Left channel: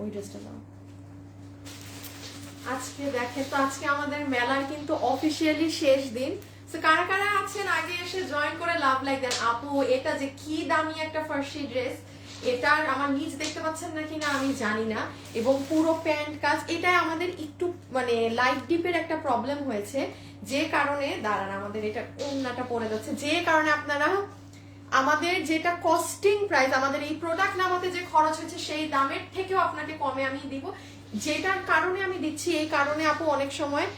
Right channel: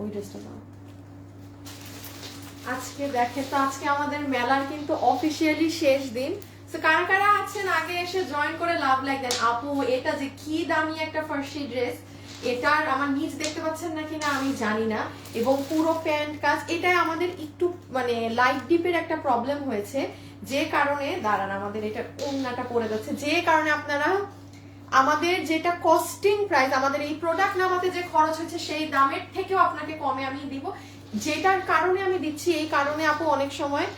ওই ড্রেসটা দাও। আজকে দেখেন তো, আজকে আমাদের মেলার কিন্তু অফিসিয়ালি শেষ দিন। তো কারা কারা আছেন আগে এসে জয়েন করে লাভ লাইক দেন। আপু এটা যে কি দামি একটা ফার্সি ড্রেস, এটার আমার নিচ দেখতে পাচ্ছেন নাকি না আমি জানি না, এবং পুরো প্যান্ট কাজ, এটাই আমাদের একটু মানে লাইট ডিপের একটা প্রবলেম হয়েছে, যে কারণে দাঁড়ান আমাদের এটা ওন্নাটা পড়ে যাচ্ছে, যে কারণে আপনারা আমাদের যেটা কস্টিং প্রাইস, আমাদের এই প্রোডাক্ট নামাতে যে খরচ হয়েছে সেই দামের থেকেও আপনাকে কমে আমি দিব। যেটার কারণে আমি দিচ্ছি, এই কারণে আপু অনেক সময়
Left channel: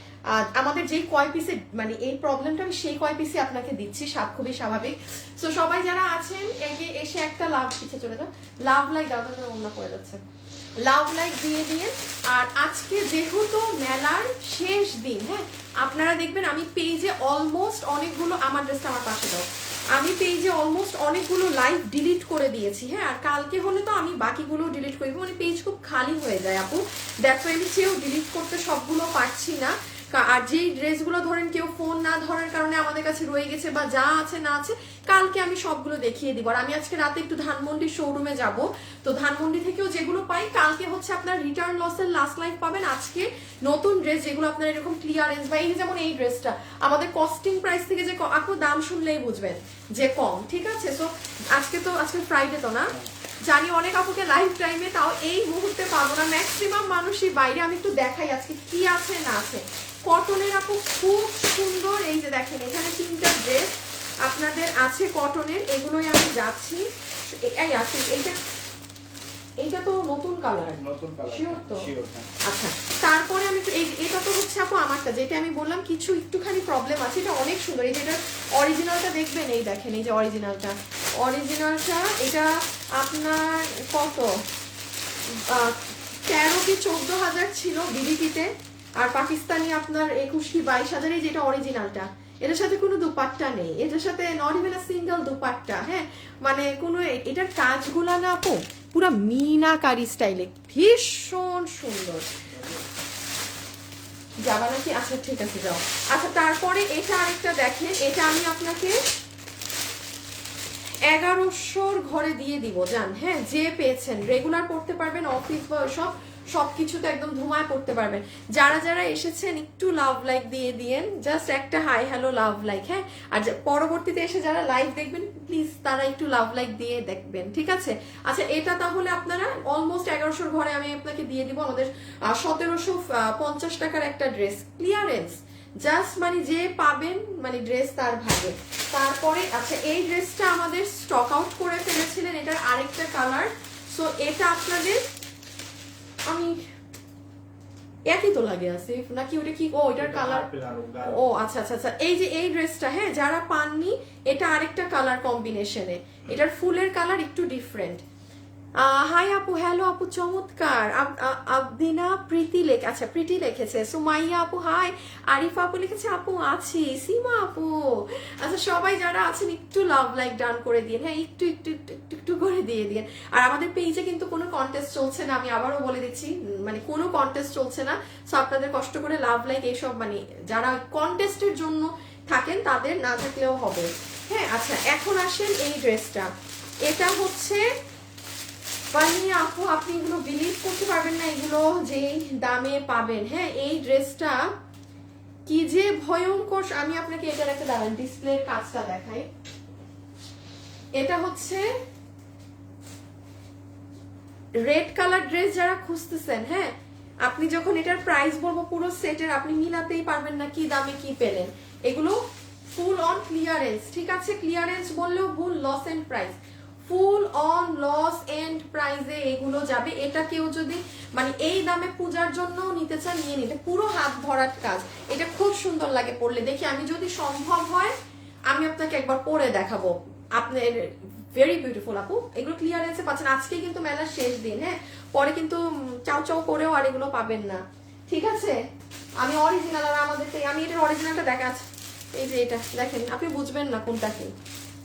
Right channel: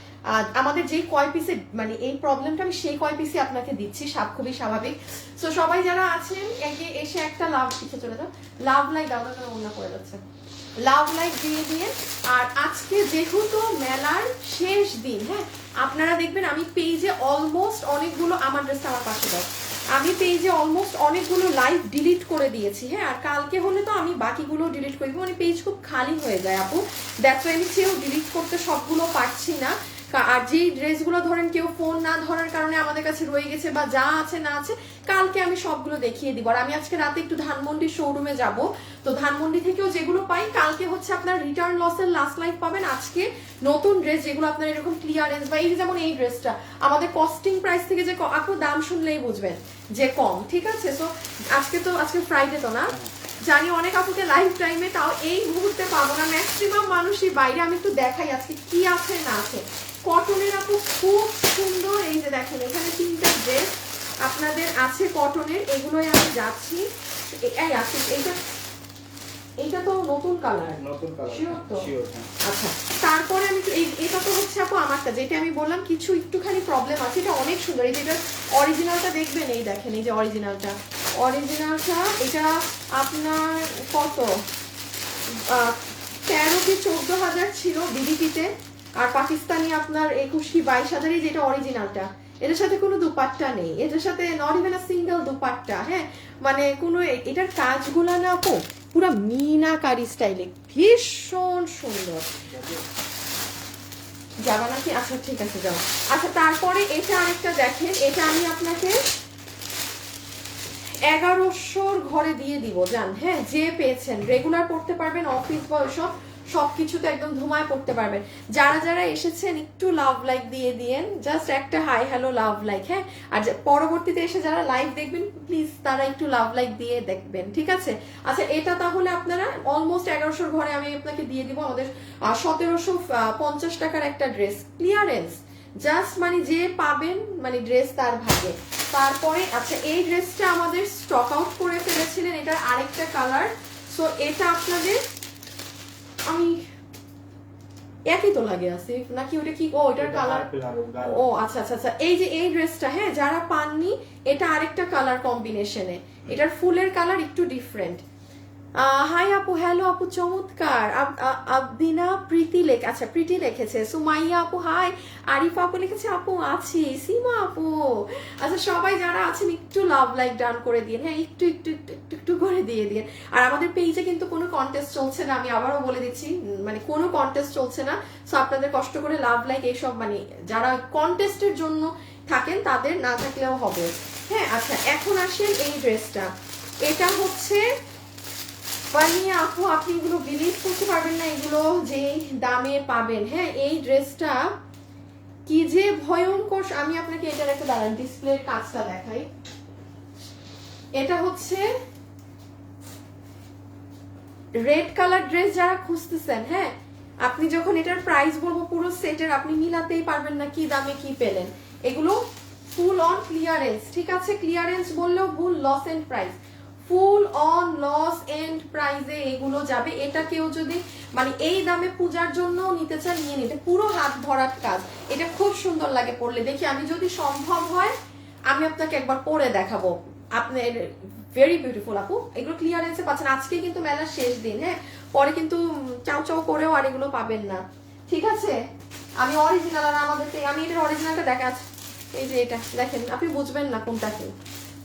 আমাদের যেই কয় পিসে মানে এই প্রবলেমটা, আমি সেই কয় পিসে আপনাকে দিচ্ছি, খুবই স্বাভাবিক। তো সবাই যারা আছেন এসে একটা লাভ পিছিয়ে চলে যান, লাভ লাইক দাদা করে অন্য করে যাচ্ছে, লাভ লাইক দিয়ে দিয়ে। আর আজকে যেহেতু মেলার শেষ দিন, হ্যাঁ আপনারা দেখবেন আমি পেজে অলমোস্ট অনেকগুলো, আমার ড্রেসটা আমার পাশে দাও, আমি পেজে অলমোস্ট অনেকগুলো লাইভ ডিলিট করে দিয়েছি, হ্যাঁ আর কালকে হলে তো আমি বাকিগুলো ডিলিট করবো, মানে পেজ খুব খালি হয়ে যায় আপু, দ্যাটস ওয়াই আমি চেয়েও ডিলিট করতে সবগুলো পারছি না। আর যেই ড্রেসগুলো ধরেন কেউ ফোন না ধরার কারণে আমাদের কাছে রয়ে গেছে বা যা আছে না আছে, কালকে আমি সবগুলো দেখিয়ে দিব। আর আমি আজকে রাতে একটু ধানমন্ডি শোরুমে যাব, তো ধানমন্ডি থেকেও যেগুলো পাই কালকে হচ্ছে আপনার রিটার্ন লসের লাস্ট লাইফ পাবেন। আজকে নতুন ড্রেস যেগুলো আপনার এরকম ক্লিয়ারেন্স, বা এই যেমন এই ড্রেসটা আমাদের কস্টিং প্রাইস থেকে যে আপু দাম শুনলেই বুঝবেন যে কম, ঠিক আছে। সো আজকে ফ্রাইডে তো না, জানি অনেক আপুকে লাইফ টাইমে, তাও এই মুহূর্তে পাবো না, ম্যাক্সিমাম মানুষই বাইরে। আমি একটু দেখাই আজকে কি আছে না আছে। কটনের আপু খুব সুন্দর, এই যে দেখেন এখানে 3টা ড্রেস আপনাদের আছে কটনের, এগুলোই আমি যাচ্ছি। এইটা তো নতুন কালার, শিওর তো? আচ্ছা, তারপরে আমি এটা তো হচ্ছে আপু আমারটা, যেটা আমি বললাম কিছু একটুখানি প্রবলেম আছে, এটা অনেক সুন্দর। এটা অরিজিনালটা দেখবেন, এই দেখেন এই যে অরিজিনালটা, এটা আপনার কত 13 কি 14,000 ছিল বিডিটিতে, আর পাকিস্তানি আপনার 21 কি 22,000, যেটা অরিজিনালটা। এটার সাথে কোনো দুপাট্টা নেই, এটার সাথে not even a single dupatta, হ্যাঁ মানে কোনো, এটার কাজগুলো না আপু পুরো মিনাকারি স্টাইলে ভীষণ সুন্দর। যাবা নাকি? আচ্ছা ঠিক আছে যাও। আচ্ছা তারপরে এটা আরেকটা দেখেন, এটা আমি আপনাকে 1100 ঘরে দিয়ে দিব জান, হ্যাঁ যে পেয়েছেন রেগুলার পড়তে পারবেন, অফিস বা ওইসব সবকিছু তো একদম ধুমায় পড়তে পারবেন। যারা যারা এসেছেন একটু লাভ লাইক দিয়ে দিয়েন, জাস্ট একটা হাই হ্যালো লাভ লাইক, হ্যাঁ আর পরবর্তীতে এসে যারা লাইভ দেখবেন প্লিজ তারা একটু লাভ লাইক দিয়ে দেখবেন, ঠিক আছে। আচ্ছা এটা তাহলে আপনারা অলমোস্ট 1100 ঘরে আমি আপনাকে দিয়ে দিব আমাদের 1750 টাকার একটা ড্রেস ক্লিয়ারেন্স, জাস্ট মানে যে পাবেন মানে ড্রেস তার ভাগে। তারপরে আচ্ছা এই ড্রেসটা আমাদের স্টক আউট করে ফেলেছিলেন, এটার আরেকটা কালার, সো এটা আপনাদের আমি একই তো লাগে আছে নাকি ওটা কি? ও এটার কালার, ও আচ্ছা আচ্ছা আচ্ছা, এই যে এই ড্রেসটা, হ্যাঁ যারা পাননি এটা আরেকটা কালার কম্বিনেশনে, এটার ফুলের কালার একটু ডিফারেন্ট। হাই আপু, হ্যালো আপু, চমৎকার। আবদিনা প্রীতি আচ্ছা প্রীতি লিখেছে, সুমাইয়া আপু হাই, আরিফা আপু লিখেছে আপু আছি, সীমা আপু। আচ্ছা সবাই যারা আছেন একটু লাভ লাইক ডান করে দিন, হ্যাঁ একটু একটু একটু একটু একটু করে দিয়ে দিন। আর আমাদের পেজে কিন্তু কোনো কন্টেস্ট চলছে না, আমি আবারও বলে দিচ্ছি, মানে কোনো কন্টেস্ট চলছে না। সো আপনাদের কষ্ট করে লাভ লাইক এইসব মানে যারা কন্টেস্টের জন্য থাকেন তাদের না থাকলেও হবে, হ্যাঁ। আচ্ছা এখন আসেন এই ড্রেসটা, এটা হচ্ছে বানিয়ে আপু আপনি এগুলো বিলিভ করতে পারবেন না, এগুলো যে দামে পাবেন, হ্যাঁ এই ড্রেসটা কি যে ভয়ঙ্কর। আমি আপনাকে এটার একটা দাঁড়ান ডিসপ্লের কাজটা দেখাই। এটা হচ্ছে রেড কালার ড্রেস যারা খুঁজতেছেন, হ্যাঁ আপনি যখন এটার প্রাইস বলবো পুরো সেটের আপনি মিলাতেই পারবেন না কি দামে কি পেলেন। এগুলো ফুল অন ক্লিয়ারেন্স, ঠিক আছে, ক্লিয়ারেন্স বললেও ভুল, loss and price, full on loss and প্রাইসে এগুলো যাবে। এটা কেউ যদি মানে এই দামে পূজার জন্য নিতে চান নিয়ে নিতে, পুরো হাত ভরাট কাজ, এটা খুব সুন্দর লাগে পরলে। দেখি আমি যদি সম্ভব হয় আমি আপনাকে একবার পরে দেখাবো, আপনার ভেরি বিউটিফুল আপু। এগুলো ক্লিয়ারেন্সে পাচ্ছেন, আজকে কিন্তু মেলার শেষ দিন, হ্যাঁ পরে কিন্তু চাও চাও করেও আর এগুলো পাবেন না, ঠিক আছে। আমি অরিজিনাল, আর আমাদেরকে আমি এটার অরিজিনালটা দেখাচ্ছি, এই যে এটা দেখেন, আপনি বুঝবেন না কোনটাকে,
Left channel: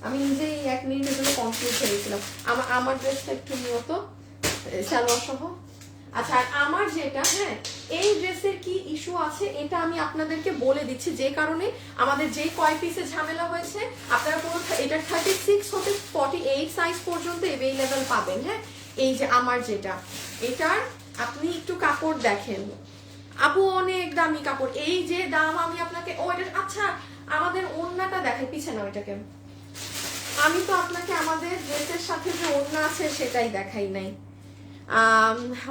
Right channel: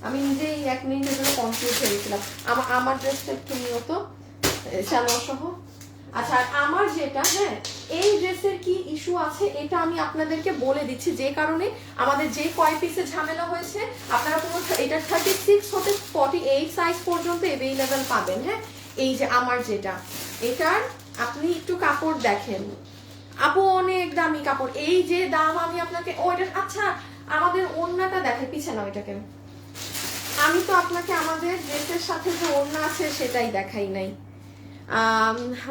আমি নিজেই 1 মিনিটের জন্য কনফিউজ হয়েছিলাম। আমার ড্রেসটা একটু নিয়ত সালোয়ার সহ। আচ্ছা আমার যেটা, হ্যাঁ এই ড্রেসের কি ইস্যু আছে এটা আমি আপনাদেরকে বলে দিচ্ছি, যে কারণে আমাদের যে কয় পিসে ঝামেলা হয়েছে আপনারা পুরো এটার 36 হতে 48 সাইজ পর্যন্ত অ্যাভেলেবেল পাবেন, হ্যাঁ এই যে আমার যেটা, এটার আপনি একটু কাপড় দেখেন আপু, অনেক দামি কাপড়। এই যে দাম আমি আপনাকে ওইটা, আচ্ছা আমাদের ওড়নাটা দেখেন পিছনে ওইটাকে, আমি তো আপনাকে আমাদের ড্রেসের সাথে যে ওড়না আছে সেটাই দেখাই নাই।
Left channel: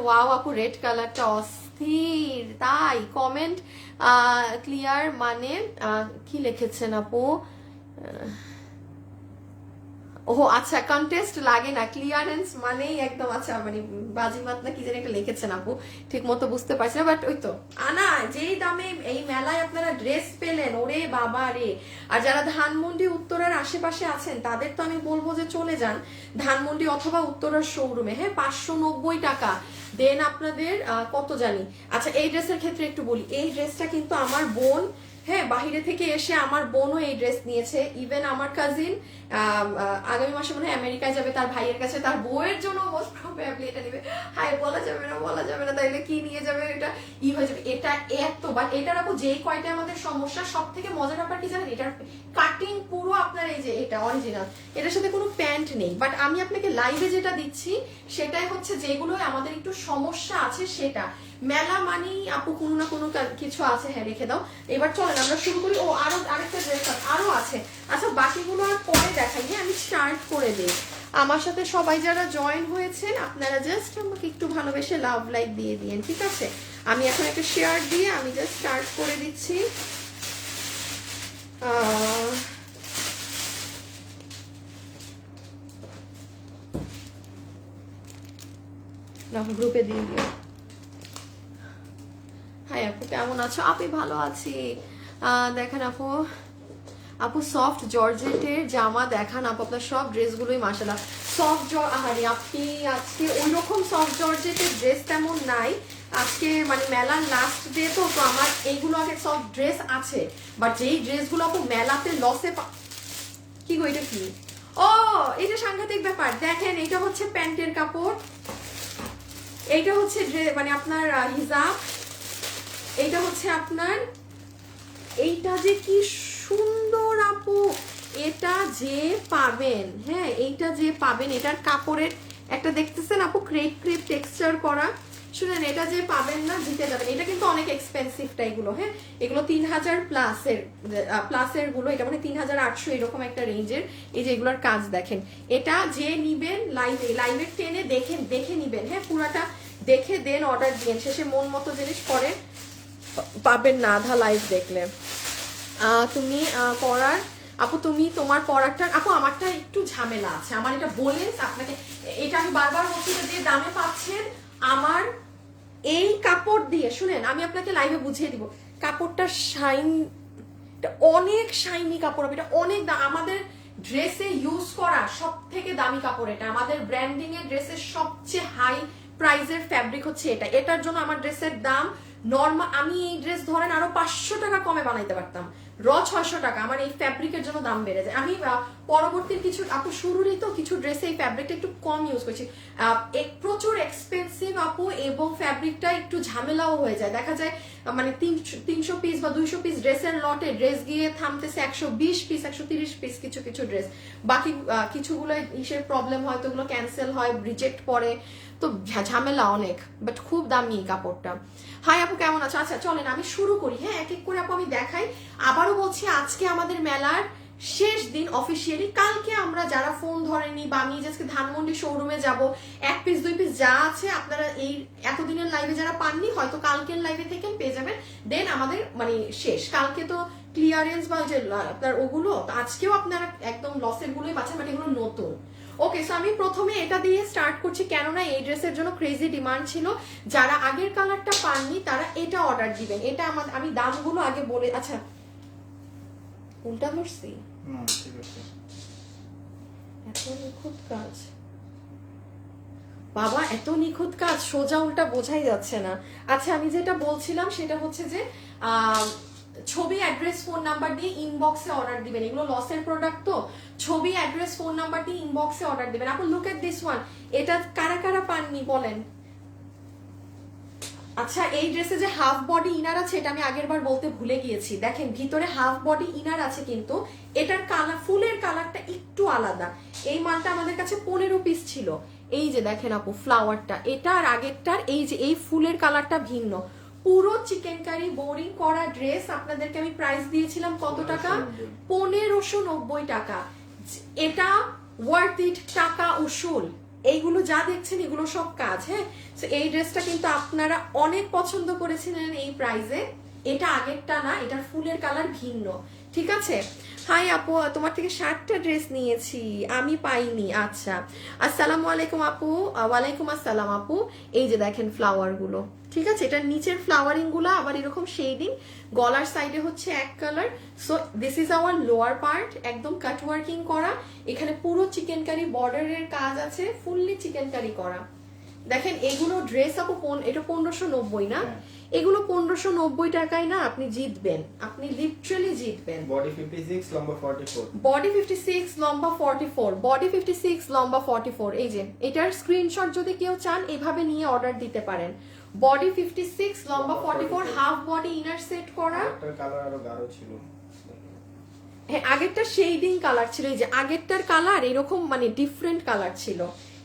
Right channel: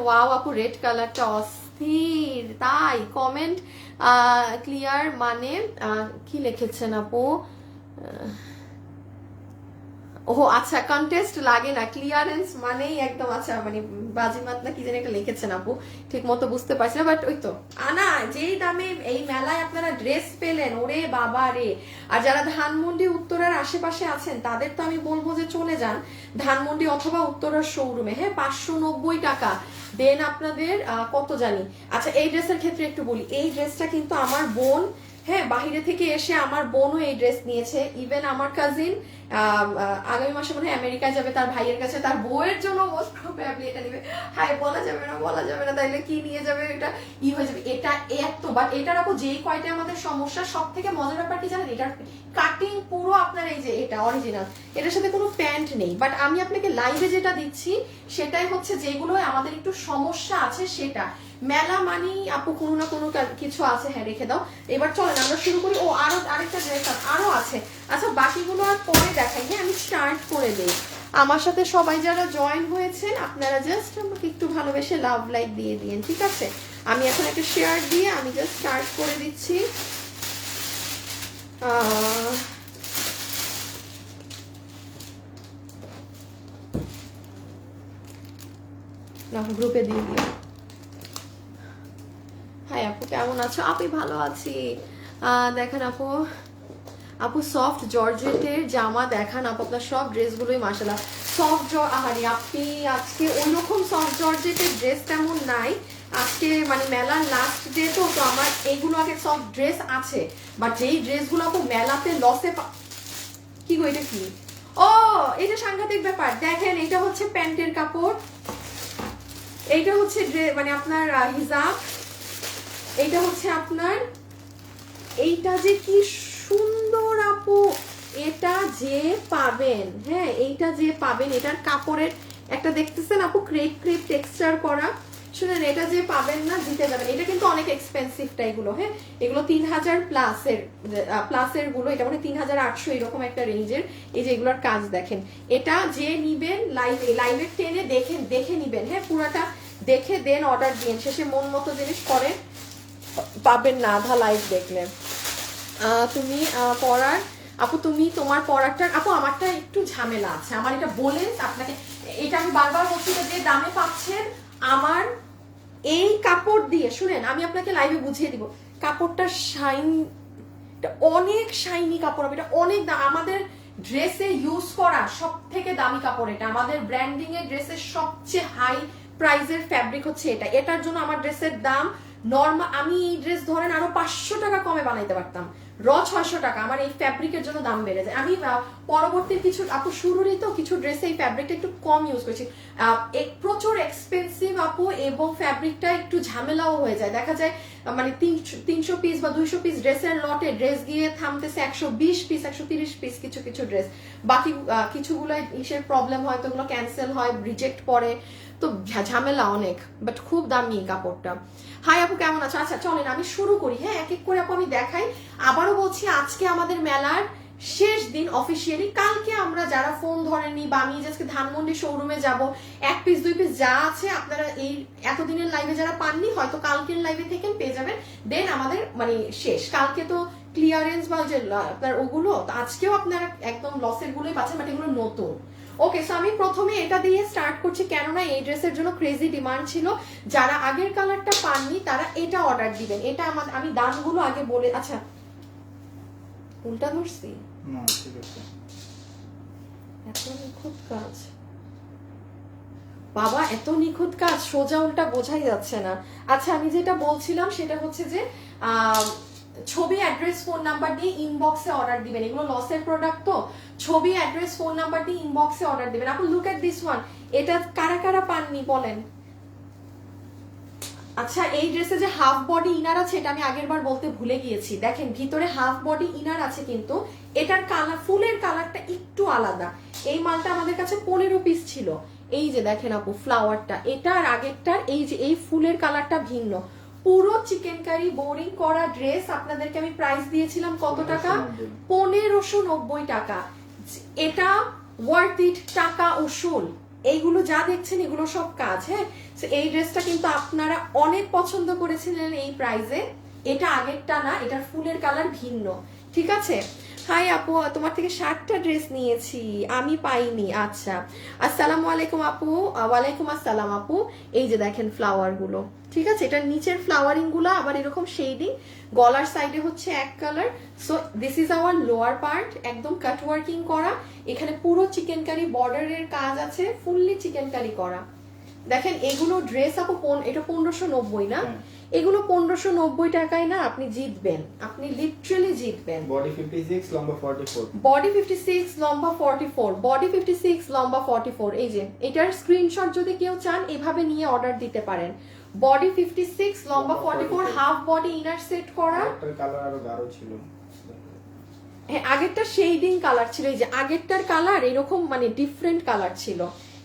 ওয়াও আপু, রেড কালারটা অস্থির। তাই কমেন্ট ক্লিয়ার মানে কি লিখেছেন আপু? ও আচ্ছা, কন্টেস্ট লাগে না, ক্লিয়ারেন্স মানেই একদম, আচ্ছা মানে বাজিমাত না কি জানি একটা লিখেছেন আপু, ঠিক মতো বুঝতে পারছি না, বাট ওই তো আনা যেই দামে এই মেলায় আপনারা ড্রেস পেলেন, ওরে বাবা রে। আর যারা ধানমন্ডি উত্তরার আশেপাশে আছেন তাদের তো আমি বলবো যে চলে যান ধানমন্ডি অথবা উত্তরার শোরুমে। হ্যাঁ, 590 টাকা দেন আপনাদের কত জানি। আচ্ছা এই ড্রেসের ক্ষেত্রে একটু বলি, এই ড্রেসটা কিন্তু আমার বোন, হ্যাঁ বাইরে থেকে এসে আমার বোনও এই ড্রেস নিয়েছে। ইভেন আমার কাজিন আগামী মাসে মনে হয় আমেরিকায় যাবে তার ভাইয়ের কাছে, তার বউয়ের জন্য এটা নিবে। হ্যাঁ বলা যাবে না, বলা যাবে না, তাইলে কি নিয়ে যাবে, এটা ই হয়ে যাবে। এটা এত, বাট এটার আপু যেই কয়টা আমাদের সমস্যা, সব থেকে মজার ব্যাপার কি জানেন, এটার কাটিং পুরো আপনার এই যে এটা অরিজিনাল, এটার সাথে কোনো প্যান্ট নেই। বাট আমি আপনাকে লাইভে যেটা দিচ্ছি সেটাই হচ্ছে যেগুলো আমাদের একটু সমস্যা আছে সেটা। মেলা মানেই আপু কোনো না কোনো কিছু আছে। হ্যাঁ রেখে দাও, এবার চলেন আমরা শুরু করি। ও আরো আরেকটা ড্রেস আরো আছে। আচ্ছা বাকিগুলো আর পরে দেখাই, হ্যাঁ আমি স্টার্ট করে দিই। আমার সাথে সবাই যারা জয়েন হয়েছেন আপনারা জাস্ট আমাকে একটু ভালোবেসে লাভ লাইক দিয়ে দিন, ঠিক আছে? আমি এখন একটা শেয়ার দিয়ে আমি জাস্ট স্টার্ট করে দিচ্ছি। না গ্রুপে দিয়ে দিও। হ্যাঁ আপু কেমন আছো? আপনি ভালো আছি। দেখেন আপু, আপু সফট জর্জেটের জামা দেখান আপু, আপনার সব ড্রেসগুলোই মাশাআল্লাহ সফট আহারে আপনি আজকে ওইরকম সফট জর্জেটের ড্রেস তেমন নাই আজকে, মানে মেলার লাস্ট ডে তো আমার এইগুলো আগে সফট ড্রেস আছে, বাট যেই ড্রেসগুলো আপু মেলাতে লসে কি গো এটা কি? ও এটা সাংঘাতিক ব্যাপার। দেখেন এটা হচ্ছে প্যান্টের কাপড়, এইটা হচ্ছে মানে আপনার হিজাব, এইটা হচ্ছে আপনার, এইটা যে কি সুন্দর আপু, এটা যে পাবেন, হ্যাঁ এইটা যে পাবেন, এটার কাপড়ের একটা দেখতেছেন আপু ক্রেপ ক্রেপ টেক্সচার করা, শুনেন এটা যে পাবেন না দিতে যাবেন। এটা কিন্তু অনেক এক্সপেন্সিভটা এগুলো, হ্যাঁ এগুলো 3000 প্লাসের গুলো, এটা মানে 3800 এরকম একটা রেঞ্জের। এই যে এগুলোর কাজ দেখেন, এটা যে নিবেন লাইভের টেনে দেখে নিবেন, হ্যাঁ পুরাটা দেখে দেন অর্ডার দিন, শেষে মন মতো জিনিস করে পাবেন না আধা লাইভ দেখলে। তুমি পড়ার আপু, তুমি তোমার পড়ারটা আপু, আমারটা একটু ঝামেলা আছে, আমার এটা বলে আপনাকে, এটা আমি বারবার বলছি যে দামে পাচ্ছেন আমার এই কাপড় দিয়ে। শুনেন আমি আপনাকে লাইভে বুঝিয়ে দিব, কাপড়টা শাইন, অনেক শাইনি কাপড়, এটা অনেক আমাদের ড্রেসে ইউজ করা সব থেকে দামি কাপড় এটা, আমাদের ব্র্যান্ডিং এর ড্রেসের সবচেয়ে হাই প্রাইজের ফ্যাব্রিক হচ্ছে এটা। এটার জন্য আমার ড্রেসের দাম নর্মাল, আমি এই ড্রেস ধরেন আরো 500 টাকা কমে বানাইতে পারতাম, 600 টাকা। আমার এই ফ্যাব্রিকের জন্য দাম বেড়ে যায়। আমি পরবর্তী কিছু আপু শুরুরই তো কিছু ড্রেসে এই ফ্যাব্রিকটা একটু কম ইউজ করছি, প্রচুর এক্সপেন্সিভ আপু, এবং ফ্যাব্রিকটা একটু ঝামেলাও হয়ে যায়। দেখা যায় মানে 300 পিস বা 200 পিস ড্রেসের লটে ড্রেস গিয়ে থামতেছে 120 পিস 130 পিস কিছু কিছু ড্রেস, বাকি কিছুগুলো ইসের প্রবলেম হয় তো ওগুলো ক্যান্সেল হয়, রিজেক্ট পড়ে, তো ঝামেলা অনেক, বাট খুব দামি কাপড়টা। হাই আপু কেমন আছো? আচ্ছা চলেন আমি শুরু করি, হ্যাঁ এক এক করে আপু আমি দেখাই। আবারও বলছি আজকে আমাদের মেলার শেষ দিন অফিসিয়ালি। কালকে আমরা যারা ফোন ধরেনি বা আমি আজকে ধানমন্ডি শোরুমে যাব, 1 পিস 2 পিস যা আছে আপনারা এই এতদিনের লাইভে যারা পাননি হয়তো কালকের লাইভে থেকে পেয়ে যাবেন। দেন আমাদের মানে শেষ, কালকে তো ক্লিয়ারেন্স বা যে আপনার ওগুলো, আজকেও আপনারা একদম লসের গুলোই পাচ্ছেন, বাট এগুলো নতুন। ওকে, সো আমি প্রথমে এটা দিয়ে স্টার্ট করছি, কেননা এই ড্রেসের জন্য ক্রেজি ডিমান্ড ছিল। যারা আগের কালারটা পাননি তারা এটা অর্ডার দিবেন। এটা আমি দামগুলো আগে বলে, আচ্ছা উল্টা করছি, এত নিখুঁত কাজ বাবা, এত নিখুঁত কাজ সোজা উল্টা বোঝাই যাচ্ছে না। আচ্ছা আমি যেটা বলছিলাম সেটা হচ্ছে যে ছবি অ্যাড্রেস ফোন নাম্বার দিয়ে ইনবক্সে অর্ডার দিবেন, এগুলো লসের প্রোডাক্ট তো, ছবি অ্যাড্রেস ফোন নাম্বার দিয়ে ইনবক্সে অর্ডার দিবেন। আপনি লুক এট দিস ওয়ান, এটা কারা কারা পাননি বলেন? আচ্ছা এই ড্রেসে যে হাফ বডি ইনার আছে এটা আমি আগের বার বলতে ভুলে গিয়েছি, দেখেন ভিতরে হাফ বডি ইনার আছে, কিন্তু এটার কালার ফুলের কালারটা একটু আলাদা। এই মালটা আমাদের কাছে 15 পিস ছিল, এই যে দেখেন আপু ফ্লাওয়ারটা, এটা আর আগেরটার এই যে এই ফুলের কালারটা ভিন্ন। পুরো চিকেন কারি বোরিং করা ড্রেস আপনাদেরকে আমি প্রাইস দিয়েছিলাম কত টাকা? 1590 টাকা। এটা ওয়ার্থ ইট, টাকা উসুল। এইগুলো যা দেখছেন এগুলো সব কাজ। হ্যাঁ, এই ড্রেসটা কিন্তু আপনারা অনেক পছন্দ করেছিলেন এই প্রাইসে। এটা আগেরটা না, এটার ফুলের কালার ভিন্ন, ঠিক আছে? হাই আপু, তোমার থেকে 60টা ড্রেস নিয়েছি, আমি পাইনি। আচ্ছা, আসসালামু আলাইকুম আপু। ওয়ালাইকুম আসসালাম আপু। এই যে দেখেন ফ্লাওয়ার গুলো, ঠিক আছে? এটার নিচের ফ্লাওয়ারিং গুলো আবার এরকম শেডিং, গলার সাইডে হচ্ছে এক colour. So this is our lower part, একদম কাট ওয়ার্কিং করা। এখানে পুরো চিকেন কারি বর্ডারের কাজ আছে, ফুললি চিকেন কারি করা। দেখেন এগুলো ড্রেস আপু এটা 1590 না? এগুলো 1590 টাকায় না আপনি জিতবেন, আপনি লিটারালি জিতবেন। বডি 56 লম্বা 44, বডি 56 লম্বা 44, বডি 56 লম্বা 44। এই যে এটার স্ক্রিনশট যদি কেউ চান এভাবে নিয়ে অর্ডার দিতে পারেন। বডি 56 লম্বা 44, হাফ বডি ইনার সেট করা। একটা কালার আরো গাঢ় ছিল, হ্যাঁ আগেরটা শেডিং কালার ছিল, এই যে আগেরটার কালার এরকম মানে ডিফারেন্ট কালার ছিল।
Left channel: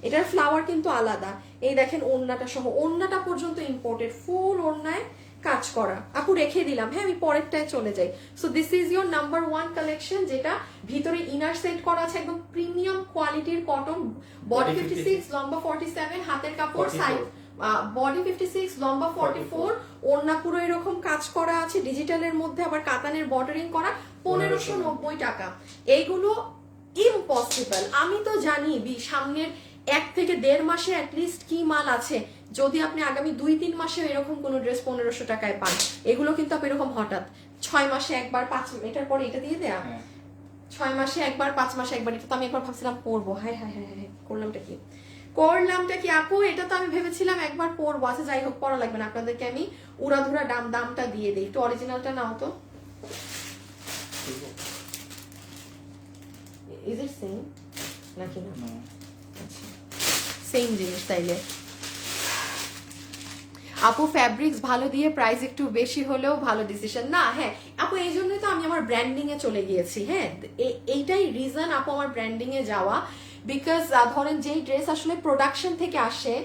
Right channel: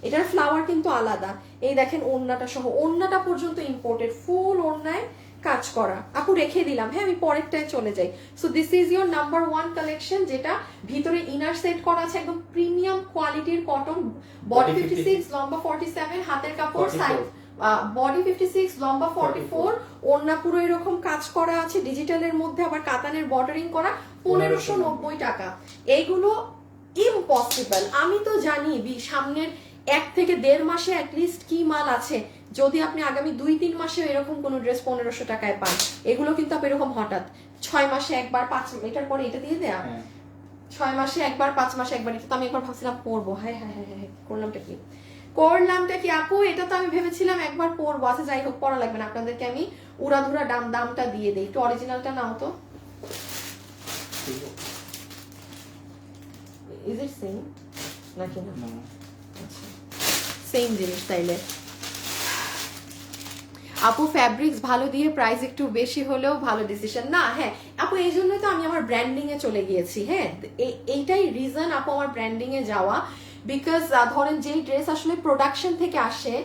এটার ফ্লাওয়ার কিন্তু আলাদা। এই দেখেন ওড়নাটা সহ, ওড়নাটা পর্যন্ত ইম্পোর্টেড, ফুল ওড়নায় কাজ করা। আপু রেখে দিলাম, হ্যাঁ আমি পরেরটায় চলে যাই। So this is your number 1 collection, যেটা ভিতরে ইনার সেট করা আছে একদম প্রিমিয়াম কোয়ালিটির কটন। বডি 56 লম্বা 47, হাতের কাপড় সাইড। বডি 56 লম্বা 44, ওড়না পুরো এরকম কাজ করা আছে ডিজিটালের মধ্যে, আবার কাতানের বর্ডারিং করা। 1590 টাকা। এইগুলো ইম্পসিবল। আমি তো জানি সামনের 1 থেকে 1.5 মাসে অ্যাটলিস্ট কি মাল আছে। যদি আপনি আগামী 2-3 মাসে এরকম কোন ড্রেস 1500 টাকায় পান, এগুলো কিন্তু আপনি এরকম হঠাৎ 6 মাসে একবার, 5 এটার পরে এটা দিয়ে দেয়া, 6 মাসে একবার, 5 মাসে একবার। এটা তো আমি একবার ভাবছিলাম পরবো, হ্যাঁ হ্যাঁ হ্যাঁ হ্যাঁ, করলামটা কি আপু? এটা তো আমি ভেবেছিলাম একবার পরবো। আচ্ছা যাই হোক, পড়া লাগবে না, আপনাদেরকে আমি উড়াধুরা দামটা দিয়ে দিই। একটু অরিজিনালটা নাও তো। ইজ ইট সেম নাকি না? আচ্ছা সেম জিনিস তাইলে। আপু ফ্যাব্রিক্স ভালো দিয়ে প্রাইস একটু বেশি হলেও ভালো ডিসিশন না। হ্যাঁ আপু, এই জন্যই তো আমি আমার ব্র্যান্ডিং এ চলে গিয়েছি। হ্যাঁ এইটাই রিজন আপু আমার ব্র্যান্ডিং এ যাওয়া। বিকজ ধরেন যেই ড্রেস আসলে প্রোডাকশন থেকে আসে,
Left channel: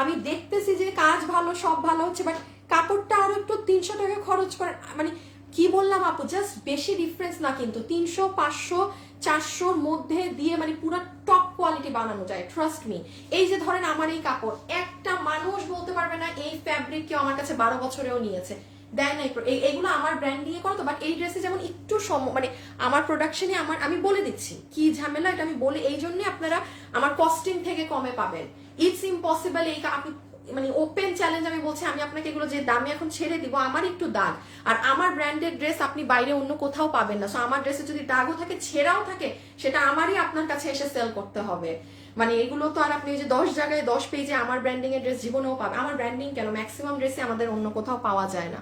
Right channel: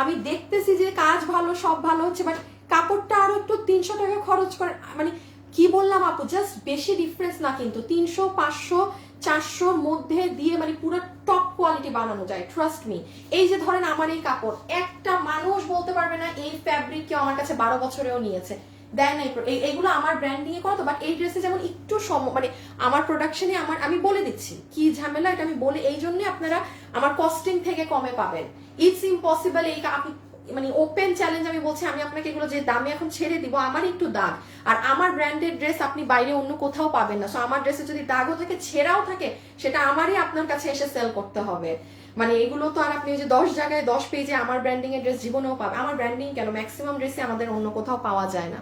আমি দেখতেছি যে কাজ ভালো, সব ভালো হচ্ছে, বাট কাপড়টা আরো একটু 300 টাকা খরচ করে, মানে কি বললাম আপু, জাস্ট বেশি ডিফারেন্স না কিন্তু 300, 500, 400 মধ্যে দিয়ে মানে পুরো টপ কোয়ালিটি বানানো যায়, ট্রাস্ট মি। এই যে ধরেন আমার এই কাপড়, একটা মানুষ বলতে পারবে না এই ফ্যাব্রিক কেউ আমার কাছে 12 বছরেও নিয়েছে, দেয় নাই। এইগুলো আমার ব্র্যান্ডিং এ করা তো, বাট এই ড্রেসে যেমন একটু মানে আমার প্রোডাকশনে আমি বলে দিচ্ছি কি ঝামেলা, এটা আমি বলে এই জন্য আপনারা আমার কস্টিং থেকে কমে পাবেন। It's impossible. এই আপনি মানে ওপেন চ্যালেঞ্জ আমি বলছি, আমি আপনাকে এগুলো যে দামি এখন ছেড়ে দিব, আমার একটু দাগ, আর আমার ব্র্যান্ডেড ড্রেস আপনি বাইরে অন্য কোথাও পাবেন না। সো আমার ড্রেসে যদি দাগও থাকে, ছেঁড়াও থাকে, সেটা আমারই আপনার কাছে এসে সেল করতে হবে। মানে এগুলো তো আর আপনি যে 10 জায়গায় 10 পেজে আমার ব্র্যান্ডিং এর ড্রেস জীবনেও পাবেন। আমার ব্র্যান্ডিং কেন, ম্যাক্সিমাম ড্রেসে আমাদের অন্য কোথাও পাওয়া যায় না।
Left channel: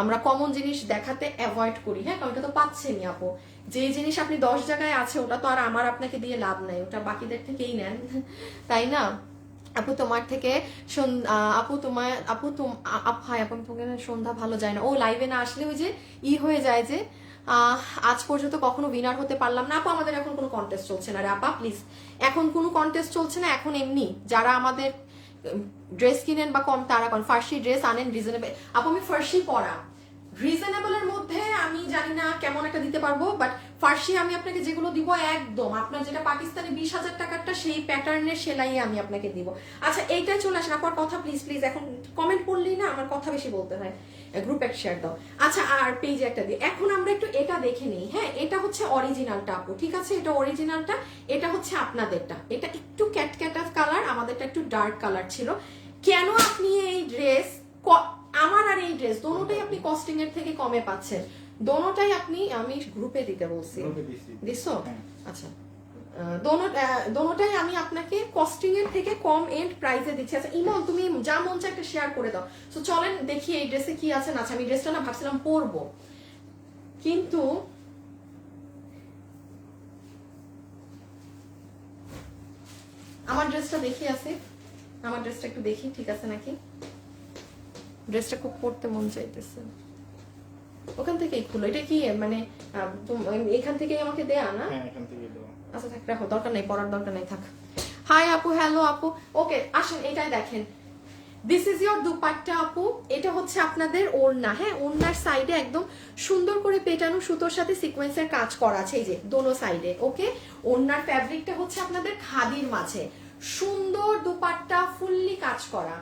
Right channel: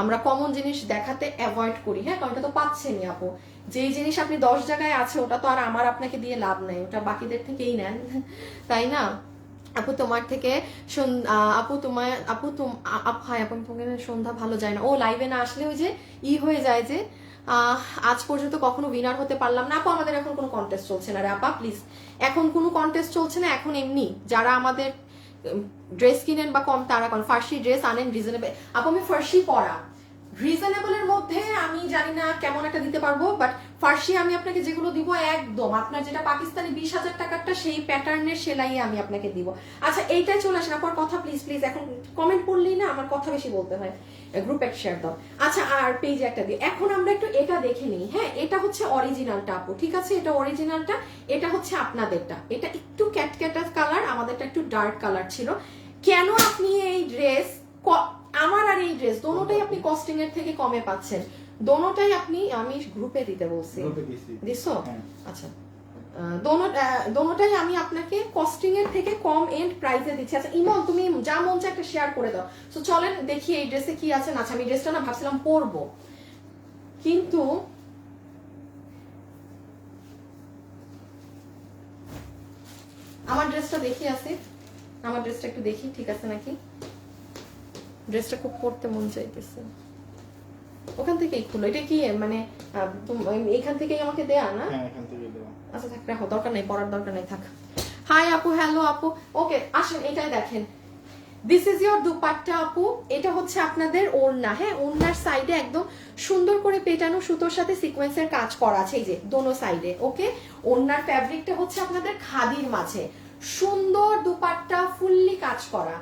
আমরা কমন জিনিস দেখাতে অ্যাভয়েড করি। হ্যাঁ, কারণ এটা তো পাচ্ছেনই আপু। যেই জিনিস আপনি 10 জায়গায় আছে, ওটা তো আর আমার আপনাকে দিয়ে লাভ নাই, ওটা বাকিদের থেকেই নেন, তাই না? আপু তোমার থেকে সন্ধ্যা ভালো যায় না। ও লাইভে না আসলে ওই যে হয়ে যায় যে আজ পর্যন্ত কখনো উইনার হতে পারলাম না। আপু আমাদের এখন কোনো কন্টেস্ট চলছে না রে আপা, প্লিজ। এখন কোনো কন্টেস্ট চলছে না, এখন এমনি যারা আমাদের ড্রেস কিনেন বা কম তারা করেন, ফার্সি ড্রেস আনেন রিজনেবল। আপু আমি ফার্সি পরা, রিজনেবলের মধ্যে আমি জানি না কেমন একটা দিতে পারবো, বাট ফার্সি আমি আপনাকে যেগুলো দিব একদম আপনার যেটা পাকিস্তানি 20,000 টাকারটা সেই প্যাটার্নের সেলাই আমি আপনাকে দিব। আচ্ছা এইটাই চলে আসেন আপনার কথা, প্লিজ প্লিজ। এখন কমেন্ট পড়লেই না আমার কথা বেশি বলতে হয়, গ্রুপে শেয়ার দাও। আচ্ছা আর পেজে একটা দিই। এখন আমরা একটু এটা দেখে নিই। হ্যাঁ, এটা হচ্ছে অরিজিনালটা আপু, ঠিক আছে? এটা অরিজিনালটা, এটা হচ্ছে আপনাদেরটা। এটা একটু ক্যাটক্যাটা কালার, আমাদেরটা একটু ডার্ক কালার ছিল। কেন আপনি এই ড্রেস, আমার আর এই ড্রেস দোনোটাই আপনি কস্টিং এর থেকে কমে পাচ্ছেন? দোনোটাই আপনি, আমি গ্রুপে দিতে বলছি, দিছো? আচ্ছা, দোনোটাই আমি আপনাকে কস্টিং এর থেকে কম এন্ড প্রাইসে দিচ্ছি। আচ্ছা ইমন, তুমি যা মন চায় একটা শেয়ার করে দাও। তো চলেন দেখি এই ড্রেসে কি আছে না আছে। আমি ড্রেসটা না ভাবছিলাম পরবো, কিন্তু আমার ড্রেসটা দেখি আছে, আমার ড্রেসটা একটু দেখি ঠিক আছে নাকি। ড্রেসটা খুব পরতে মন চাইতেছে। ওখান থেকেই খুলো। এটা কি মানে এখান থেকেই আমাকে দেয়া না? হ্যাঁ, এখান থেকে দেওয়া। আচ্ছা থাক, রাখো, দরকার নেই, পড়ার দরকার নেই, থাক। হাই আপু, হ্যালো আপু। ওকে, আসুন এটাই দেখেন। দিস ইজ ইয়োর দুপাট্টা আপু। এটা হচ্ছে আপনাদের ওড়না। হ্যাঁ, ওড়নার সাইডে একদম সুন্দর করে পেটানো সুতোর সাথে সিকোয়েন্সের কাজ করা আছে, এই যে দোনো সাইডে। ওকে, ওড়নার ফ্যাব্রিকটা হচ্ছে আপনাদের খাদির মাঝে, সুন্দর দুপাট্টা ফুললি কাজ করা।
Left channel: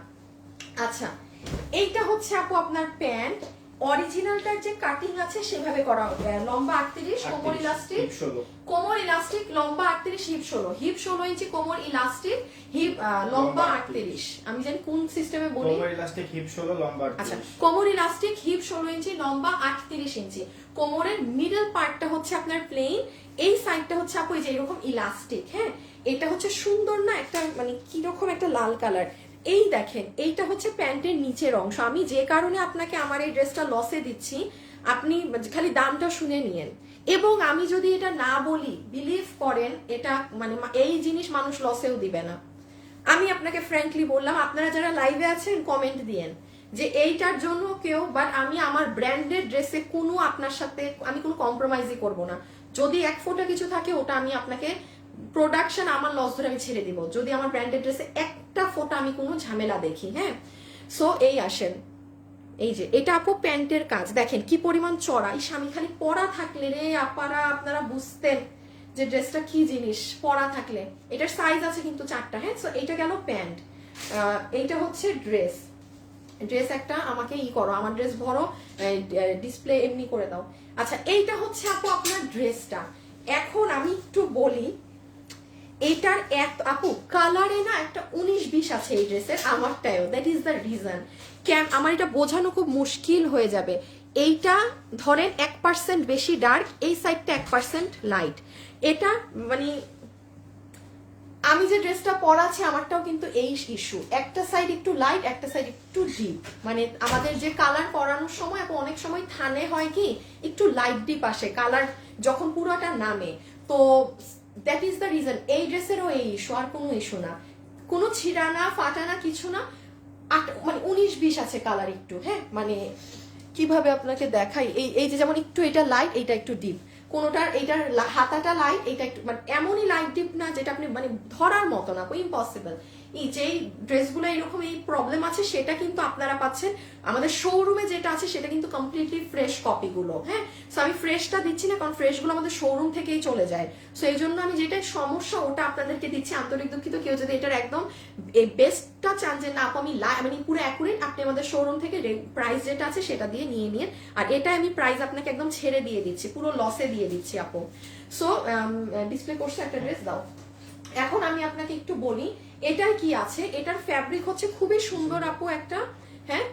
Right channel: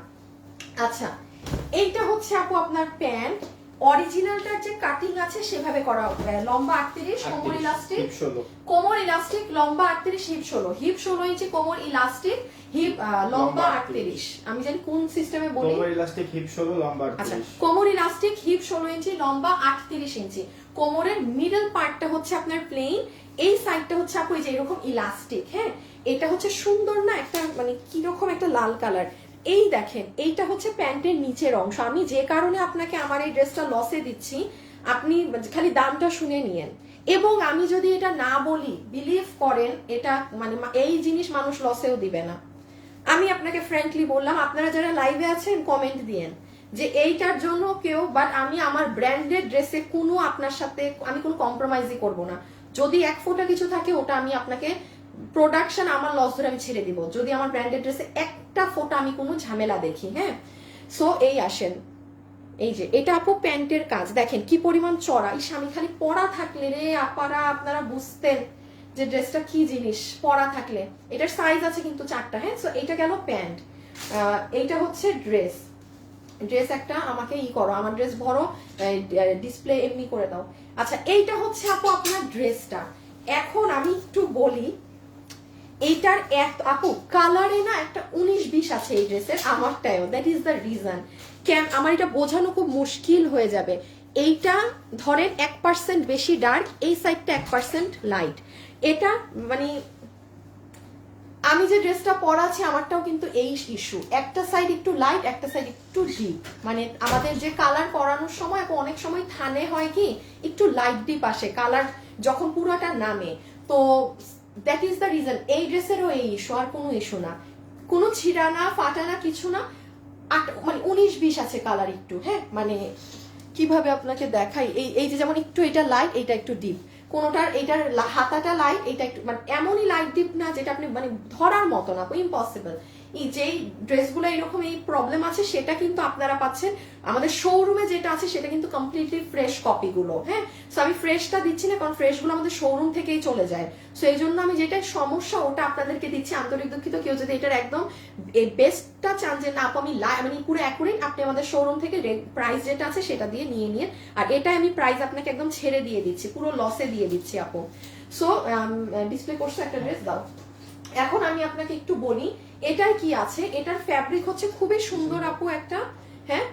আচ্ছা, এইটা হচ্ছে আপু আপনার প্যান্ট। অরিজিনালটার যে কাটিং আছে সেভাবে করা, লম্বা 38, কোমর ইলাস্টিক, কোমর ইলাস্টিক, লম্বা 38, হিপ 16, হিপ 16 ইঞ্চি, কোমর ইলাস্টিক, হিপ লম্বা 38। আমি জানি কোন সিস্টেমে বলি। কোমর ইলাস্টিক, হিপ 16, লম্বা 38। আচ্ছা, কোমর ইলাস্টিক, হিপ 16 ইঞ্চি, লম্বা 38 ইঞ্চি। কোমরের মিডল পার্টটা হচ্ছে আপনার প্লেন, এই সাইডটা হচ্ছে আপু এই যে এরকম ইলাস্টিক। হ্যাঁ, এটা হচ্ছে সুন্দর না একটা, মানে কি রকম একটা লাল কালার। এই দেখেন, এইটা হচ্ছে প্যান্টের নিচের অংশ। আমি যে কারণে আপনাকে আমার এই ড্রেসটা লসে দিচ্ছি, আপনি খালি দামটা শুনে নিয়েন। এবং আমি যদি এটা না বলি, বিলিভ করেন, এটা মানে এই জিনিস মানুষ লসেও দিবে না। আমি আপনাকে ফ্র্যাঙ্কলি বললাম, আপনারা যারা লাইভে আছেন কমেন্ট দিয়েন যে এইটার জন্য কেউ, বাট আমি আমার ব্র্যান্ডেড ড্রেসে কোনো আপনার সাথে আমি কোনো কম্প্রোমাইজই করব না। যদি এক ফোঁটা কিছু থাকে ওটা আমি আপনাকে প্রোডাকশন আমার লস ধরে আমি ছেড়ে দিব, যদি আমার ব্র্যান্ডেড ড্রেসে একটা ফোঁটা আমি কোনো ঝামেলা দেখি। হ্যাঁ, সো এই আসেন, এই যে এটা আপু প্যান্টের কাজ দেখেন কি পরিমাণ চড়া। এই স্বামী খালি পরা থাকলে রে আপারা আপনারা বুঝতেন যে ড্রেসটা কি জিনিস পরা থাকলে। এটার সাইজ আছে কিন্তু 4টা। হ্যাঁ, সো এটা গেল প্যান্ট। এইটা হচ্ছে ড্রেস। ড্রেস একটা আমাকে করো, আমার ড্রেস ভরো, ডিসপ্লে এমনি করে দাও। আচ্ছা, এইটা হচ্ছে আপু আপনার ড্রেসটা। এখন আমি একটু বলি, এইটার আপু কালারে না একটা 19-20 আছে এই ড্রেসের, আমারটাও। That is the reason. আমার এটা বোঝানো খুব মুশকিল হয়ে যাবে। এইটা ধরেন 1% বেশি ডার্ক, এই সাইডটা 1% লাইট। এটা মানে আমি যে ড্রেসটা পরাচ্ছি আমারটাও কিন্তু এই ইস্যু, একটা সাইড একটু লাইট, একটা সাইড একটু ডিপ। মানে আমাদের যে কালার করানোর সময় অনেক সময় থানে হয় কি একটু লাইট ডিপ আসে কালার যখন পুরোটা নামে। তো দ্যাট ইজ দ্য রিজন। এই ড্রেসেরও এই ইস্যু, আর কোনো ইস্যু না, কোনো ছিঁড়া না ফাটা না কিছু না। মানে 19-20 আছে কালার একটু। হ্যাঁ, মানে কিভাবে আপনাকে দেখাই, এই যে যেমন একটু এটা লাইট, এটা একটু ডিপ, কোনোটার এইটার হাতাটা লাইট, এটা একটু মানে এমনই লাইট ডিপ না যেটা আপনি মানে ধরার মতো না, ইম্পসিবল। এই যে ড্রেসগুলো এরকম এই প্রবলেম আছে সেটা কিন্তু আপনারা পাচ্ছেন আমাদের শোরুমে যেটা আছে সেটা কিন্তু কমপ্লিটলি ফ্রেশ কপিগুলো। হ্যাঁ, সো আমি ফ্রেশটা দিচ্ছি না কারণ ফ্রেশগুলো আমাদের শোরুম থেকেই চলে যায়। সো এই জন্য আমি যেটা সমস্যা ওটা আপনাদেরকে দিচ্ছি। আন্তরিক দুঃখিত, কেউ যদি এটার একদম বেস্টটা চান যে না আমি মানে পুরো অ্যাকুরেট, আপনি আমাদের শোরুম থেকে প্রাইস যেটা আছে সেটা দিয়ে নিয়ে আর এটা আমি প্রাইস আপনাকে একদম ছেড়ে দিয়ে দিচ্ছি, পুরো লসে দিয়ে দিচ্ছি আপু। সো ডিসপ্লে করছে একটা ড্রেস দাও। এখন আমি আপনাকে একটু বলি এটার কি আছে। এটার ফ্যাব্রিক হচ্ছে খুবই সুন্দর আপু একটা। হ্যাঁ,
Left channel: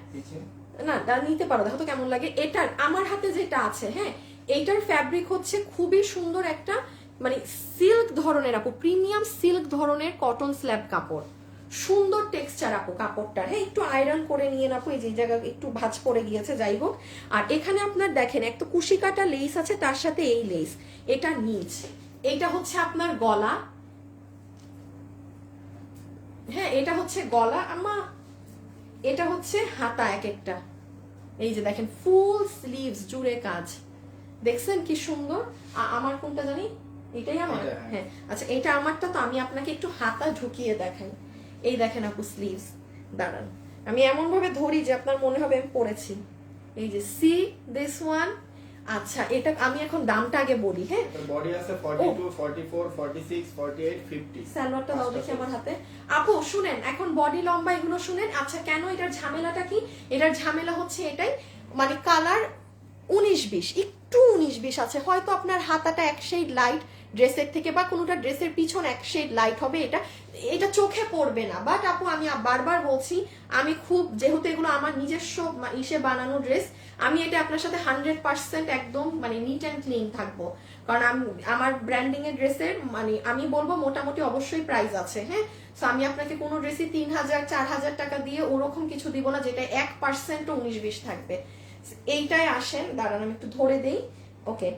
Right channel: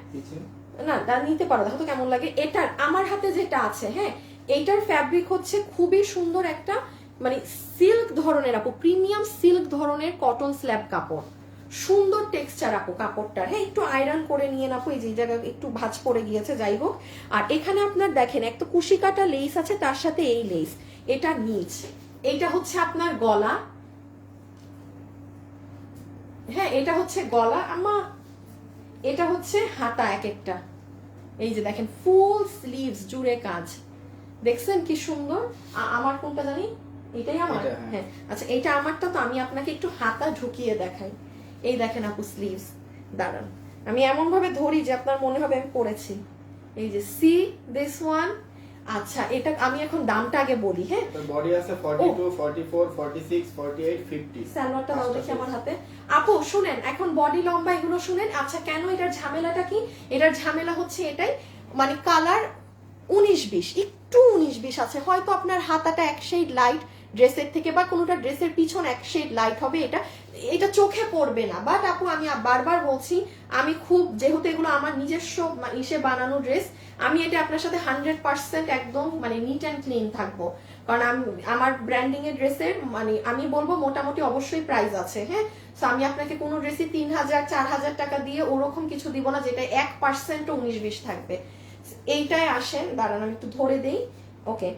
না নিতে পারো, দেখো তো কেমন লাগে। এটার আমার হাতে যেটা আছে, হ্যাঁ, এটার ফ্যাব্রিক হচ্ছে খুবই সুন্দর একটা মানে সিল্ক ধরনের আপু, প্রিমিয়াম সিল্ক ধরনের কটন স্ল্যাব কাপড়, সুন্দর টেক্সচার আপু কাপড়টা। হ্যাঁ, একটু আয়রন করে নিয়ে আপু, এই যে জায়গায় একটু ভাঁজ পড়ে গিয়েছে, যাই হোক। আর এখানে আপনার দেখেন একটা কুশি কাটা লেস আছে, তার সাথে এই লেস, এটা নিচ, এইটা হচ্ছে আপনার গলা। হ্যাঁ, এটা হচ্ছে গলা আমা, এটা হচ্ছে হাতা এক একটা। এই যে দেখেন ফুল স্লিভস জুড়ে কাজ, দেখছেন কি সুন্দর। আমার কোনটা জানি, এটাই আমার। হ্যাঁ, আচ্ছা এটা আমারটা। তো আমি আপনাকে একটু হাতা ঢুকিয়ে দেখাই। এই দেখেন আপু স্লিভস, দাঁড়ান আমি এমন ভাবে ধরি যে আপনার মনে হবে আমি পরেছি। এই যে সি দিস ওয়ান। আচ্ছা, এটা আমি এখন দামটা আগে বলি। হ্যাঁ, বডি আছে 42, 44, 46, 48, 50। সালোয়ারটা দাও দেখি আমার হাতে। আপু শুনেন, এখন বডি লম্বা এগুলো শুনেন। আচ্ছা, কেন এটার ঝামেলাটা কি? এটার ঝামেলা হচ্ছে এটাই, মানে কালার 19-20, একটু 19-20 আছে। হয়তো আপনার হাতাটা এক শেড লাইট ড্রেসের থেকে, বা কোনোটা ড্রেসের পিছন এক শেড লাইট হবে, এটা চোখে পড়বে না। বাট আপু আমি বারবার বলছি, আমি খুব যেহেতু এগুলো আমার নিজস্ব ইসে বানানো ড্রেস, আমি এটা আপনার সাথে 100% একদম মানে নিট অ্যান্ড ক্লিন থাকবো। কারণ আমার ব্র্যান্ডিং এর ড্রেসের মানে আমি বলবো মোটামুটি অবশ্যই প্রাইস আছে। হ্যাঁ, তো আমি আপনাকে কোনো ড্রেসে 3000-4000 টাকা দিয়ে ওরকম কিছু দিব না যেটা 1% 19-20 থাকবে। এইটাই আসেন, দাঁড়ান আমি একটু ধরে দেই। ওকে,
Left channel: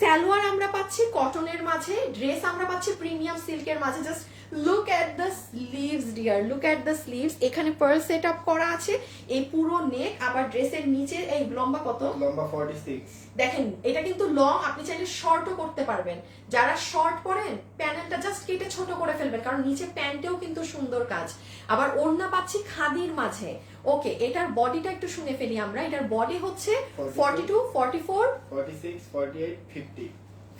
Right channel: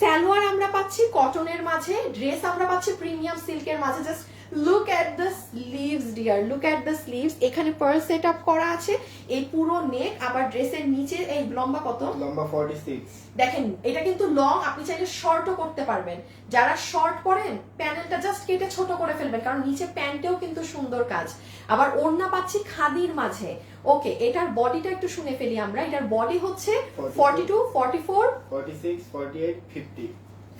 সালোয়ার আমরা পাচ্ছি কটনের মাঝে, ড্রেস আমরা পাচ্ছি প্রিমিয়াম সিল্কের মাঝে। Just look at the sleeves dear, look at the sleeves. এখানে পার্ল সেট আপ করা আছে, এই পুরো নেক, আবার ড্রেসের নিচে এই লম্বা কত, লম্বা 46, দেখেন এটা কিন্তু লং, আপনি চাইলে শর্টও করতে পারবেন। যারা শর্ট পরেন প্যানেলটা জাস্ট কেটে ছোট করে ফেলবেন, কারণ নিচে প্যান্টেও কিন্তু সুন্দর কাজ। আবার ওড়না পাচ্ছি খাদির মাঝে। ওকে, এটার বডিটা একটু শুনে ফেলি আমরা। এটার বডি হচ্ছে 42, 44, 46, 48, 50।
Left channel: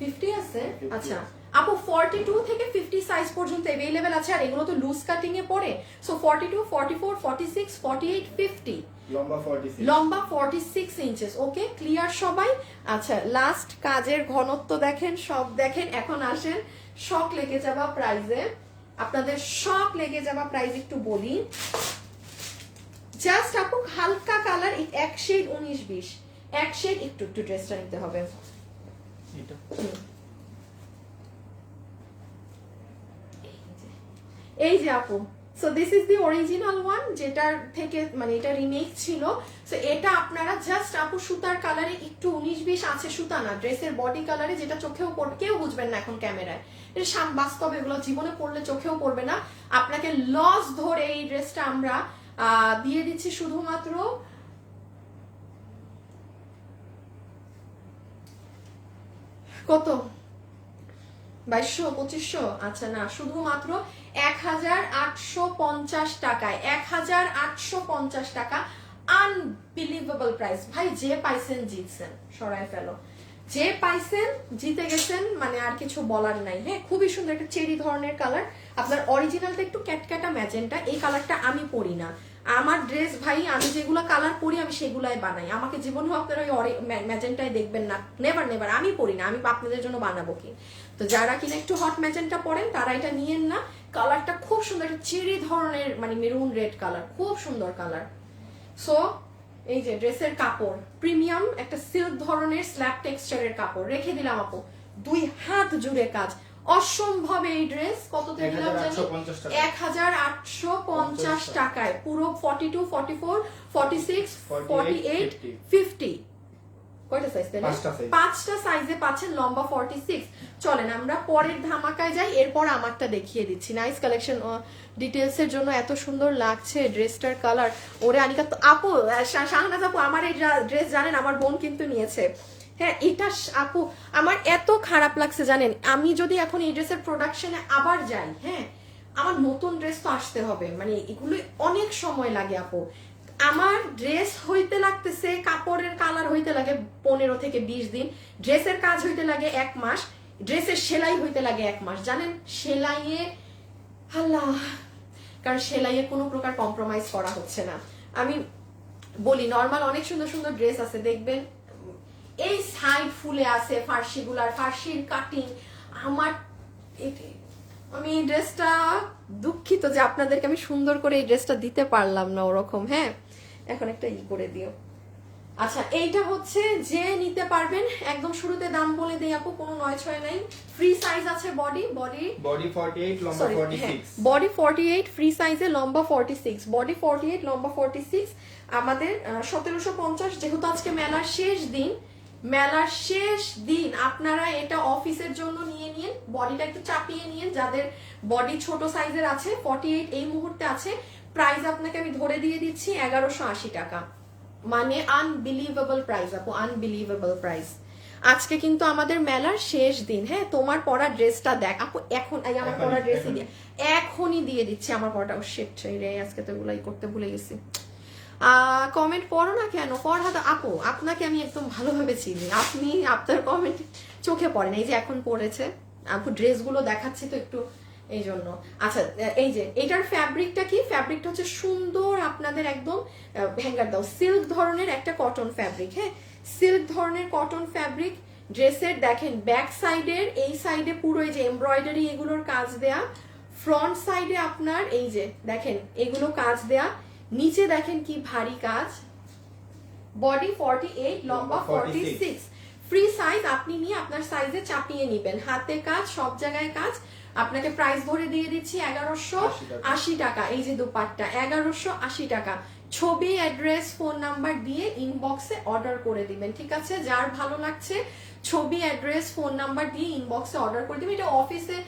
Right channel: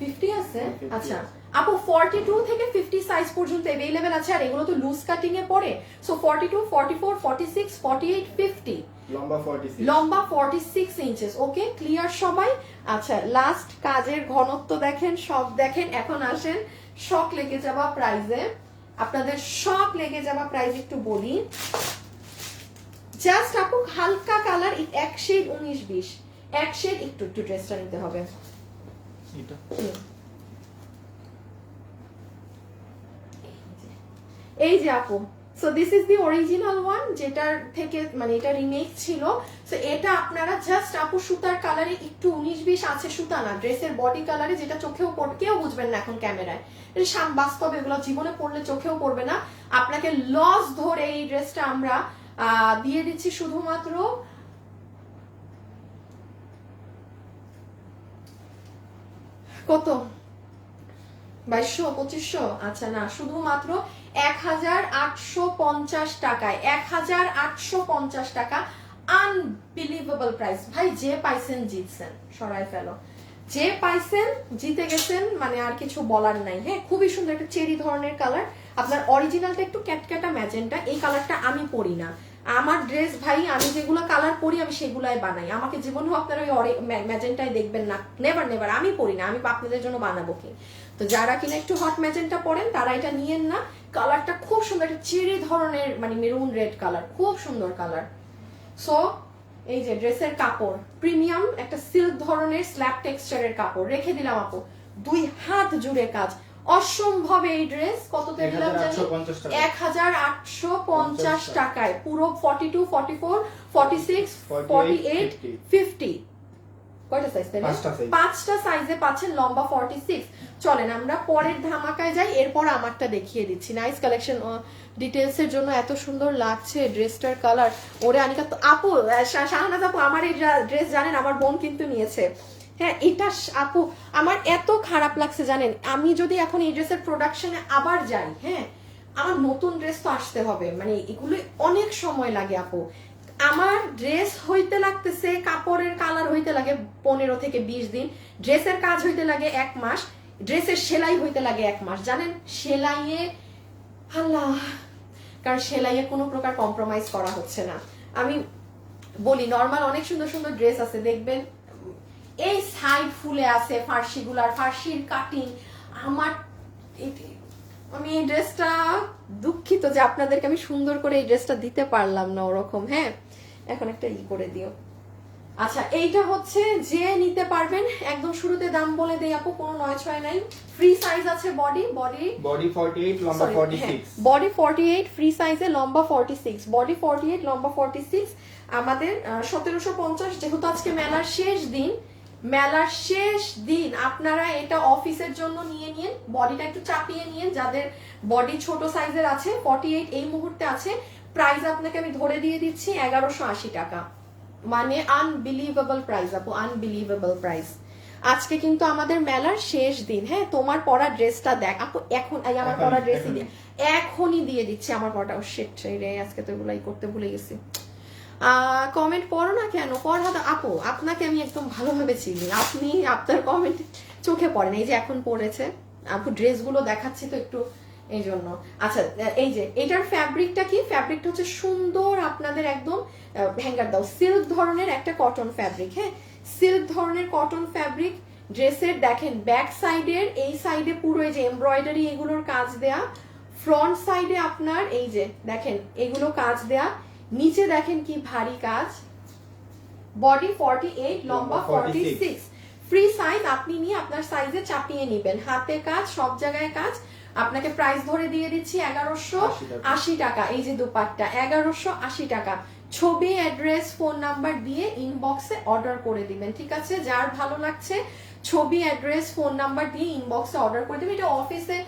50 আছে। 50 আচ্ছা আপু 42 থেকে 50 সাইজ পর্যন্ত अवेलेबल আছে, আর এগুলো তো লুজ কাটিং এ পড়ে। সো 42, 44, 46, 48, 50, লম্বা 46, লম্বা 46 ইঞ্চেস। ওকে, ক্লিয়ার সবাই? আচ্ছা, লাস্ট কাজের ঘনত্ব দেখেন, সব দেখেন। এখন আসেন শক লেগে যাওয়া প্রাইজে, আপনাদের শক লেগে যাওয়া প্রাইজ একটু বলি। জাস্ট আপু হালকা কালার, এক শেড 19-20, এক শেড একটু একটু ড্রেসটা নিতে হবে। এটা এই যে আপু, so this is the original one, যেটার থেকে মানে এটা রিমেক ছিল। সো এটা আপনারা জাস্ট আপু সুতার কালারে একটু 19-20 আছে, সুতা না, ড্রেসের বডি কালারে, যেটা চোখেও কেউ বুঝবেন না এখন ক্যামেরায়। বাস্তবে এগুলো জীবনে পড়লে চোখেও পড়বে না। আপনাকে লস ধরে এই ড্রেসটা আমরা দিয়ে দিচ্ছি শুধুমাত্র কত, 2200, 2500? আচ্ছা না, শুধুমাত্র 1850 টাকায়, 1850 টাকা। আনবিলিভেবল প্রাইস ভাই। যে পাইছেন জিতছেন, সরাই ফেলো। যে পাইছেন জিতে গেছেন, মানে আর কিছু বলার নাই। হ্যাঁ, খুবই সুন্দর একটা চেরি ধরনের কালার। আপনার অরিজিনালটা একটু ক্যাটক্যাটা ম্যাজেন্টা, এই কালারটা আমি পরি না। আমার ড্রেস ভাই, আমি যেগুলো কালার পরি আমি সেগুলাই বানাই। আমাকে জীবনেও আপনারা ওই ম্যাজেন্টায় দেখবেন না, নেভার নেভার। আমি পরি না, আমি আপনাদের জন্য বানাবো কি। তো যারা কিনা একটু হট ম্যাজেন্টা পরেন তারা এটা নিয়েন না। কালারটা খুব সুন্দর, একটা চেরি ধরনের মানে মেরুন রেড কালার, খুব সুন্দর কালার। সো এই যে ড্রেসের কাপড় প্রিমিয়াম, একটা সিল্ক ধরনের স্ল্যাব টেক্সচারের কাপড় রেখে দিলাম আপু, 2 হাত জুড়ে কাজ। অসম্ভব এই ড্রেস কততে দিলাম জানি, 1850 টাকায়। পুরো 42, 44, 46, 48, 50, কয়টা সাইজ? 5টা সাইজে পাচ্ছেন, লম্বা 46। চলেন আমরা পরের ধামাকায় যাই, এরপর আমারটা দেখিয়ে দিচ্ছি। Nice collection. ডিটেলস এর জন্য এত সুন্দর লাগছে ড্রেসটার কালার। ওরে আনিকা তো আপু, শাহনাজ আপু, আমার এই ড্রেস জানেন আমার বোন কিন্তু নিয়েছে। হ্যাঁ, এটা আপু আমার এত খারাপ লাগছে জানেন। আমি যদি এখন এই ড্রেসের প্রোডাকশনে আবার যাই, হ্যাঁ, আমার নতুন ড্রেস তো আসতে হবে, মানে এগুলো অনেক সময় লাগে আপু। আমার ড্রেস হইতে লাগতেছে, কাপড়ের কালার হইতে লাগে 15 থেকে 20 দিন, ড্রেসের কাজ হইতে লাগে 1 মাস, ড্রেসের সেলাই হইতে লাগে 1 মাস। জানেন সেলাইয়ে, আল্লাহ, কারণ সেলাইয়ে কোনো প্রকার কম্প্রোমাইজ করা হচ্ছে না। আমি বলি নর্মাল অনেক সুন্দর সুন্দর ড্রেস আছে, দেখবেন এই সাইড ফুলে আছে ফার্সিগুলার, ফার্সির কাটিং। আমার আমি এই ড্রেসটা দুঃখিত যে আপনাদেরকে আমি সুন্দর করে এই ড্রেসটা দিতে পারলাম না ওরকম। হ্যাঁ, এখন একটা করে দিও। আচ্ছা, এইটা হচ্ছে যে নিতে পারবেন, একদম শুরুতে দাম বলে দেই আপু, কোনো 9-6 নাই। ফ্রি সাইজ আছে, বডি 48, লম্বা 46, বডি 48 ফ্রি সাইজে, লম্বা 46, বডি 48, লম্বা 46। আমাদের 1750। যেহেতু আজকে মেলার শেষ দিন, আপনারা এটা অফিসের জন্য নিয়ে নিন, বডিটা একটু চাপিয়ে নিন। যাদের বডি ছোট সাইজের আছে, 48 এই মুহূর্তে আছে। প্রাইস আপনাকে আমি ধরে দিয়ে দিচ্ছি 1180 টাকা, মানে আনবিলিভেবল প্রাইস আপু, আনবিলিভেবল প্রাইস। আজকে কিন্তু আমাদের মেলার শেষ দিন। হ্যাঁ, তোমার পরা ড্রেসটা দেখ আপু, এখন আমার পরা ড্রেসই দিয়ে এখনই দিয়ে দিচ্ছে আমার পরাটা। শিট, আজকে তো এগুলাই করতে ভুলে গেছি। কমেন্ট পড়ো না কেন? পড়া আপু, আপনাকে আমি একদম ভালোভাবে চিনি, আপনি আপনার কমেন্ট চোখে পড়েন। এই যে এখন পড়েছে আপু, ড্রেসগুলো দেখাচ্ছে তো একটু, এই জন্য। আচ্ছা, এই যে এটার ফ্যাব্রিকটা কি? ফ্যাব্রিকটা হচ্ছে সুন্দর, আপনাদের একদম হ্যাঙ্গার দাও, সিল্ক ধরনের একটা কটন ফ্যাব্রিক। হ্যাঁ, সিল্ক ধরনের কটন ফ্যাব্রিক। ড্রেসের দেখেন ব্যাক সাইডের এই সাইডে পুরো এই যে এমব্রয়ডারি এগুলোর কাজ দেয়া, ফ্রন্ট সাইডে আপনার এই যে দেখেন এগুলো কাজ দেয়া, নিচে দেখেন কি ভারী কাজ। বডি 48, লম্বা 46, ফ্রি সাইজ। আপনি নিয়ে আপনার সাইজে চাপিয়ে নিবেন, হাতে কাজ, সব জায়গায় কাজ। আপনাকে প্রাইস ধরে দিয়ে দিচ্ছি 1180 টাকা। এই যে দুপাট্টা 1180 টাকা। ছবি, অ্যাড্রেস, ফোন নাম্বার দিয়ে ইনবক্সে অর্ডার করে দিবেন, ঠিক আছে? যার ভালো লাগছে ছবি, অ্যাড্রেস, ফোন নাম্বার দিয়ে ইনবক্সে অর্ডার করে দিবেন। এটা অফিসে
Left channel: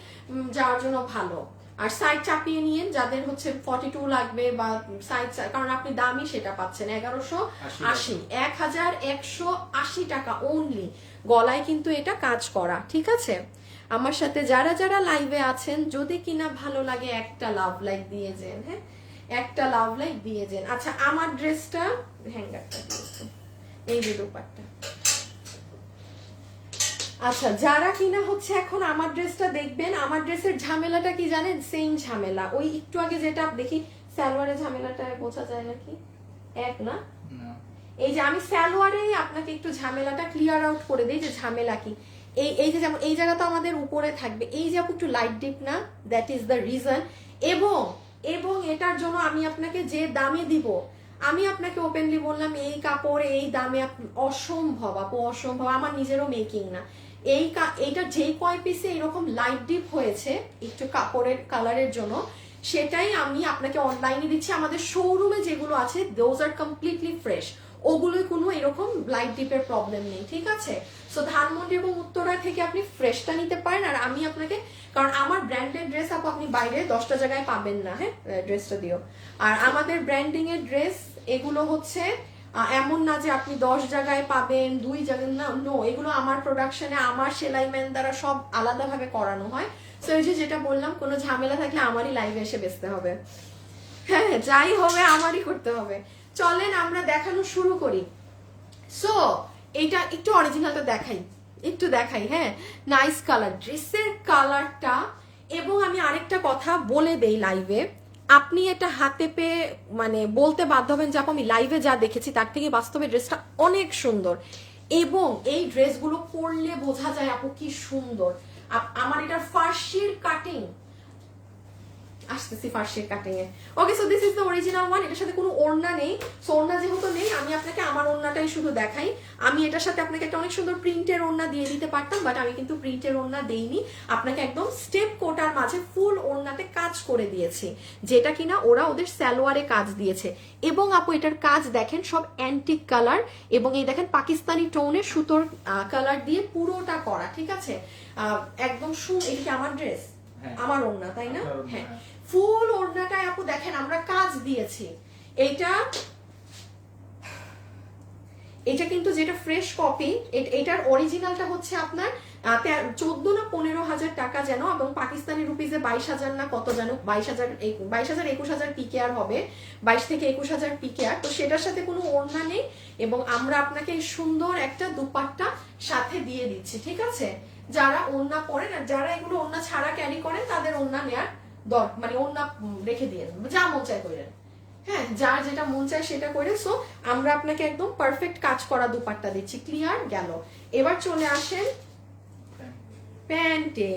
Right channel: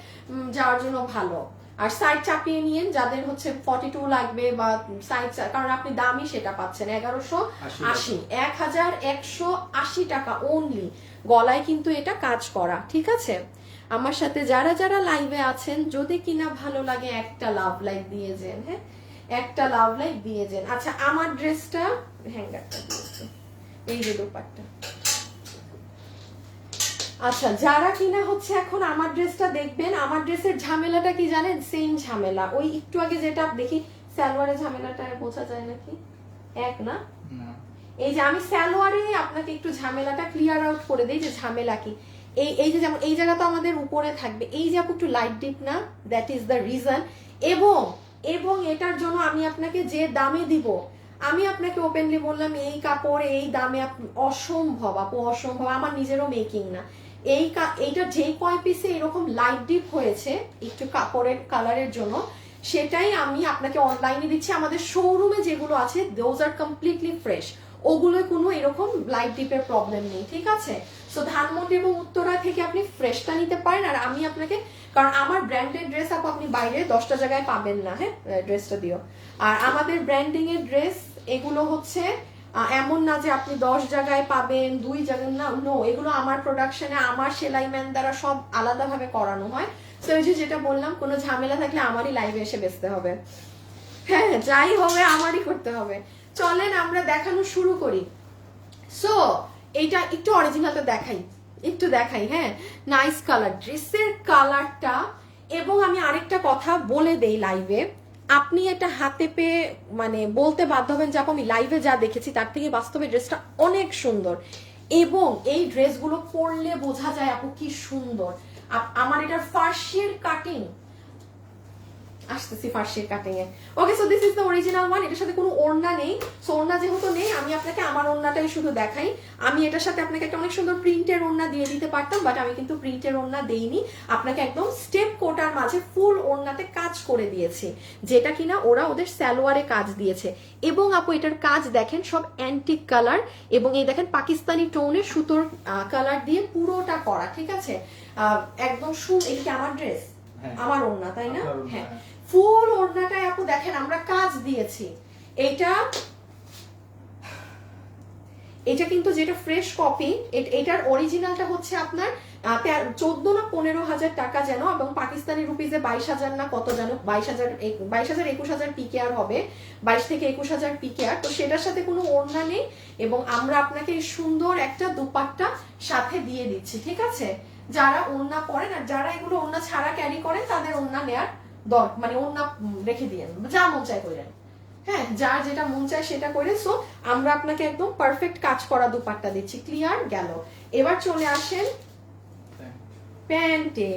যাওয়ার জন্য ভালো। আর সাইড চাপিয়ে নিয়ে যাদের হচ্ছে 42 লাগবে বা সাইড, কারণ আপনি দামই সেটা পাচ্ছেন 1180, 1180 টাকা অনলি। গলায় কিন্তু এটা কাজ করা, ঠিক আছে। আমার সাথে যারা যারা লাইভে আছেন, যদি কিনা ভালো লাগে একটা লাভ লাইক দিয়ে যান, হ্যাঁ একটা লাভ লাইক দিয়ে যান। আচ্ছা আমার ড্রেসটা হ্যাঙ্গারটা দিয়েছে, এই যে দোপাট্টা। আচ্ছা যারা কিনা হচ্ছে এখন আমার ড্রেসটা দেখবেন, আমার ড্রেসের ঝামেলাটা কি জানেন, সেম ঝামেলা ওই একটু আগে যেটা দেখি সালোয়ারের ঝামেলাটা বোঝা যায় নাকি এক না, এই যে আমি সালোয়ারে আপনাকে একটু ঝামেলাটা ক্লিয়ার আউট করে দিই যে ঝামেলা কি। এই যে যেমন এই জায়গাটা আমাদের উপরে থাকবে, এই যে একটু লাইট ডিপ না, দ্যাট ইজ দ্য রিজন। এবং এটার জন্য আমি আপনাকে যে দামে দিব, আমি আপনাকে ওপেনলি বললাম এই কাপড় এই দামে অসম্ভব আপু, অসম্ভব। আমার নিজেরও মেকিং না এইটা যে কয় পিসে এরকম লাইট ডিপ হয়েছে একটু কাপড়ের কালারের জন্য, সেটাই আমি আপনাকে অনলাইনে দিচ্ছি। আমাদের শোরুমে যেগুলো আছে দোজ আর কমপ্লিটলি ফ্রেশ, ওগুলো কোনো এরকম লাইট ডিপের প্রবলেম নেই, ঠিক আছে। সো ধানমন্ডি এবং উত্তরা থেকে আপনি ফ্রেশটা নিতে পারেন। আর আমি আপনাকে, কারণ আমার ব্র্যান্ডেড ড্রেস আপনি বাইরে 10টা জায়গায় পাবেন না, হ্যাঁ ড্রেসটা দিও। আর আমাদের ব্র্যান্ডিং এর ড্রেস এগুলো হচ্ছে এমন না যে আপনি 10 জায়গায় পাবেন 2 জায়গায়, না নো, এগুলো আমার প্রোডাকশনে আমার সেলাই ম্যান দ্বারা সব আলাদাভাবে করানো হয়। তো এই যে যেটা বললাম, কোনো ঝামেলা থাকলে আমারই লাইভে এসে বেচতে হবে, হ্যাঁ যাই হবে আমারই করতে হবে। চলেন আমরা দেখানো শুরু করি। সো এইটা একটু অরিজিনালটা একটু দেখাই, হ্যাঁ নাইস কালার, ড্রেসের কালারটা। এবং আমি আরেকটা কথা বলে দেই লাইভে, আপনি এটা হাতে পেয়ে মানে বলতে বাধ্য হবেন যে আপু আমি লাইভে যা দেখেছি তার থেকে বাস্তবে ড্রেসটা অনেক সুন্দর। এবং এই ড্রেসগুলো পরলে বোঝা যায় আপু কি সুন্দর। আমার এটার ফার্সির কাটিং আসতেছি, ফার্সির কাটিং এ। Okay so this is the original one. এটার সাথে কোনো ওড়না নেই, সো ওড়না যেহেতু নেই আমি আপনাকে আমার ওড়নাটাই শুধু দেখাই। আমি এটার সাথে আপনাকে একটা অনেক সুন্দর প্রিন্টের ওড়না দিয়ে দিতে পারতাম, বাট আমি কিন্তু প্রিন্টের ওড়না দেইনি, আপনাকে একদম স্টেপ কোটার মাঝে ফুল ওড়নাতে কাজ করে দিয়েছি, যেটা কিনা ওরা ওদের সালোয়ারে কাজ দিয়েছে। এবং আপু এটার কাজ দেখেন সব অ্যান্টিক কালার, এবং এই দেখেন পাকিস্তানি টোনের সুতোর কালার দিয়ে পুরোটা করা, ঠিক আছে। একদম এটা আমার ড্রেস, আমার ওড়না তাই না, হ্যাঁ ফুল ওড়নাটায় আপু দেখেন আমরা কাজ দিয়েছি। এটা কিন্তু যেটা ফ্রেশ কপি, এটার অরিজিনালটা হচ্ছে আপনার 14 না 15,000 টাকা যেন, এবং পাকিস্তানি রুপিজে 22,000 না কত যেন, 22,000 পিকেআর হবে, 22 থেকে 21,000 পিকেআর। তো সেটার সাথে কোনো ওড়না নেই, এবং আমরা আপনাকে সুন্দর একটা দুপাট্টা সাথে দিয়ে দিচ্ছি, ঠিক আছে। যারা ওড়না পরেন আর যারা এগুলো ওড়না ছাড়া ক্যারি করেন তাদের ওড়না নেয়ার মানে ওড়না রেখে দিয়ে যা মন চায় করেন, হ্যাঁ যার যেটা মন চায় সেটা করে। সো আমরা আপনাকে একদম পারফেক্ট কাজ করা দুপাট্টা দিচ্ছি, ক্লিয়ার গেল। এবার চলে আসেন প্যান্টে।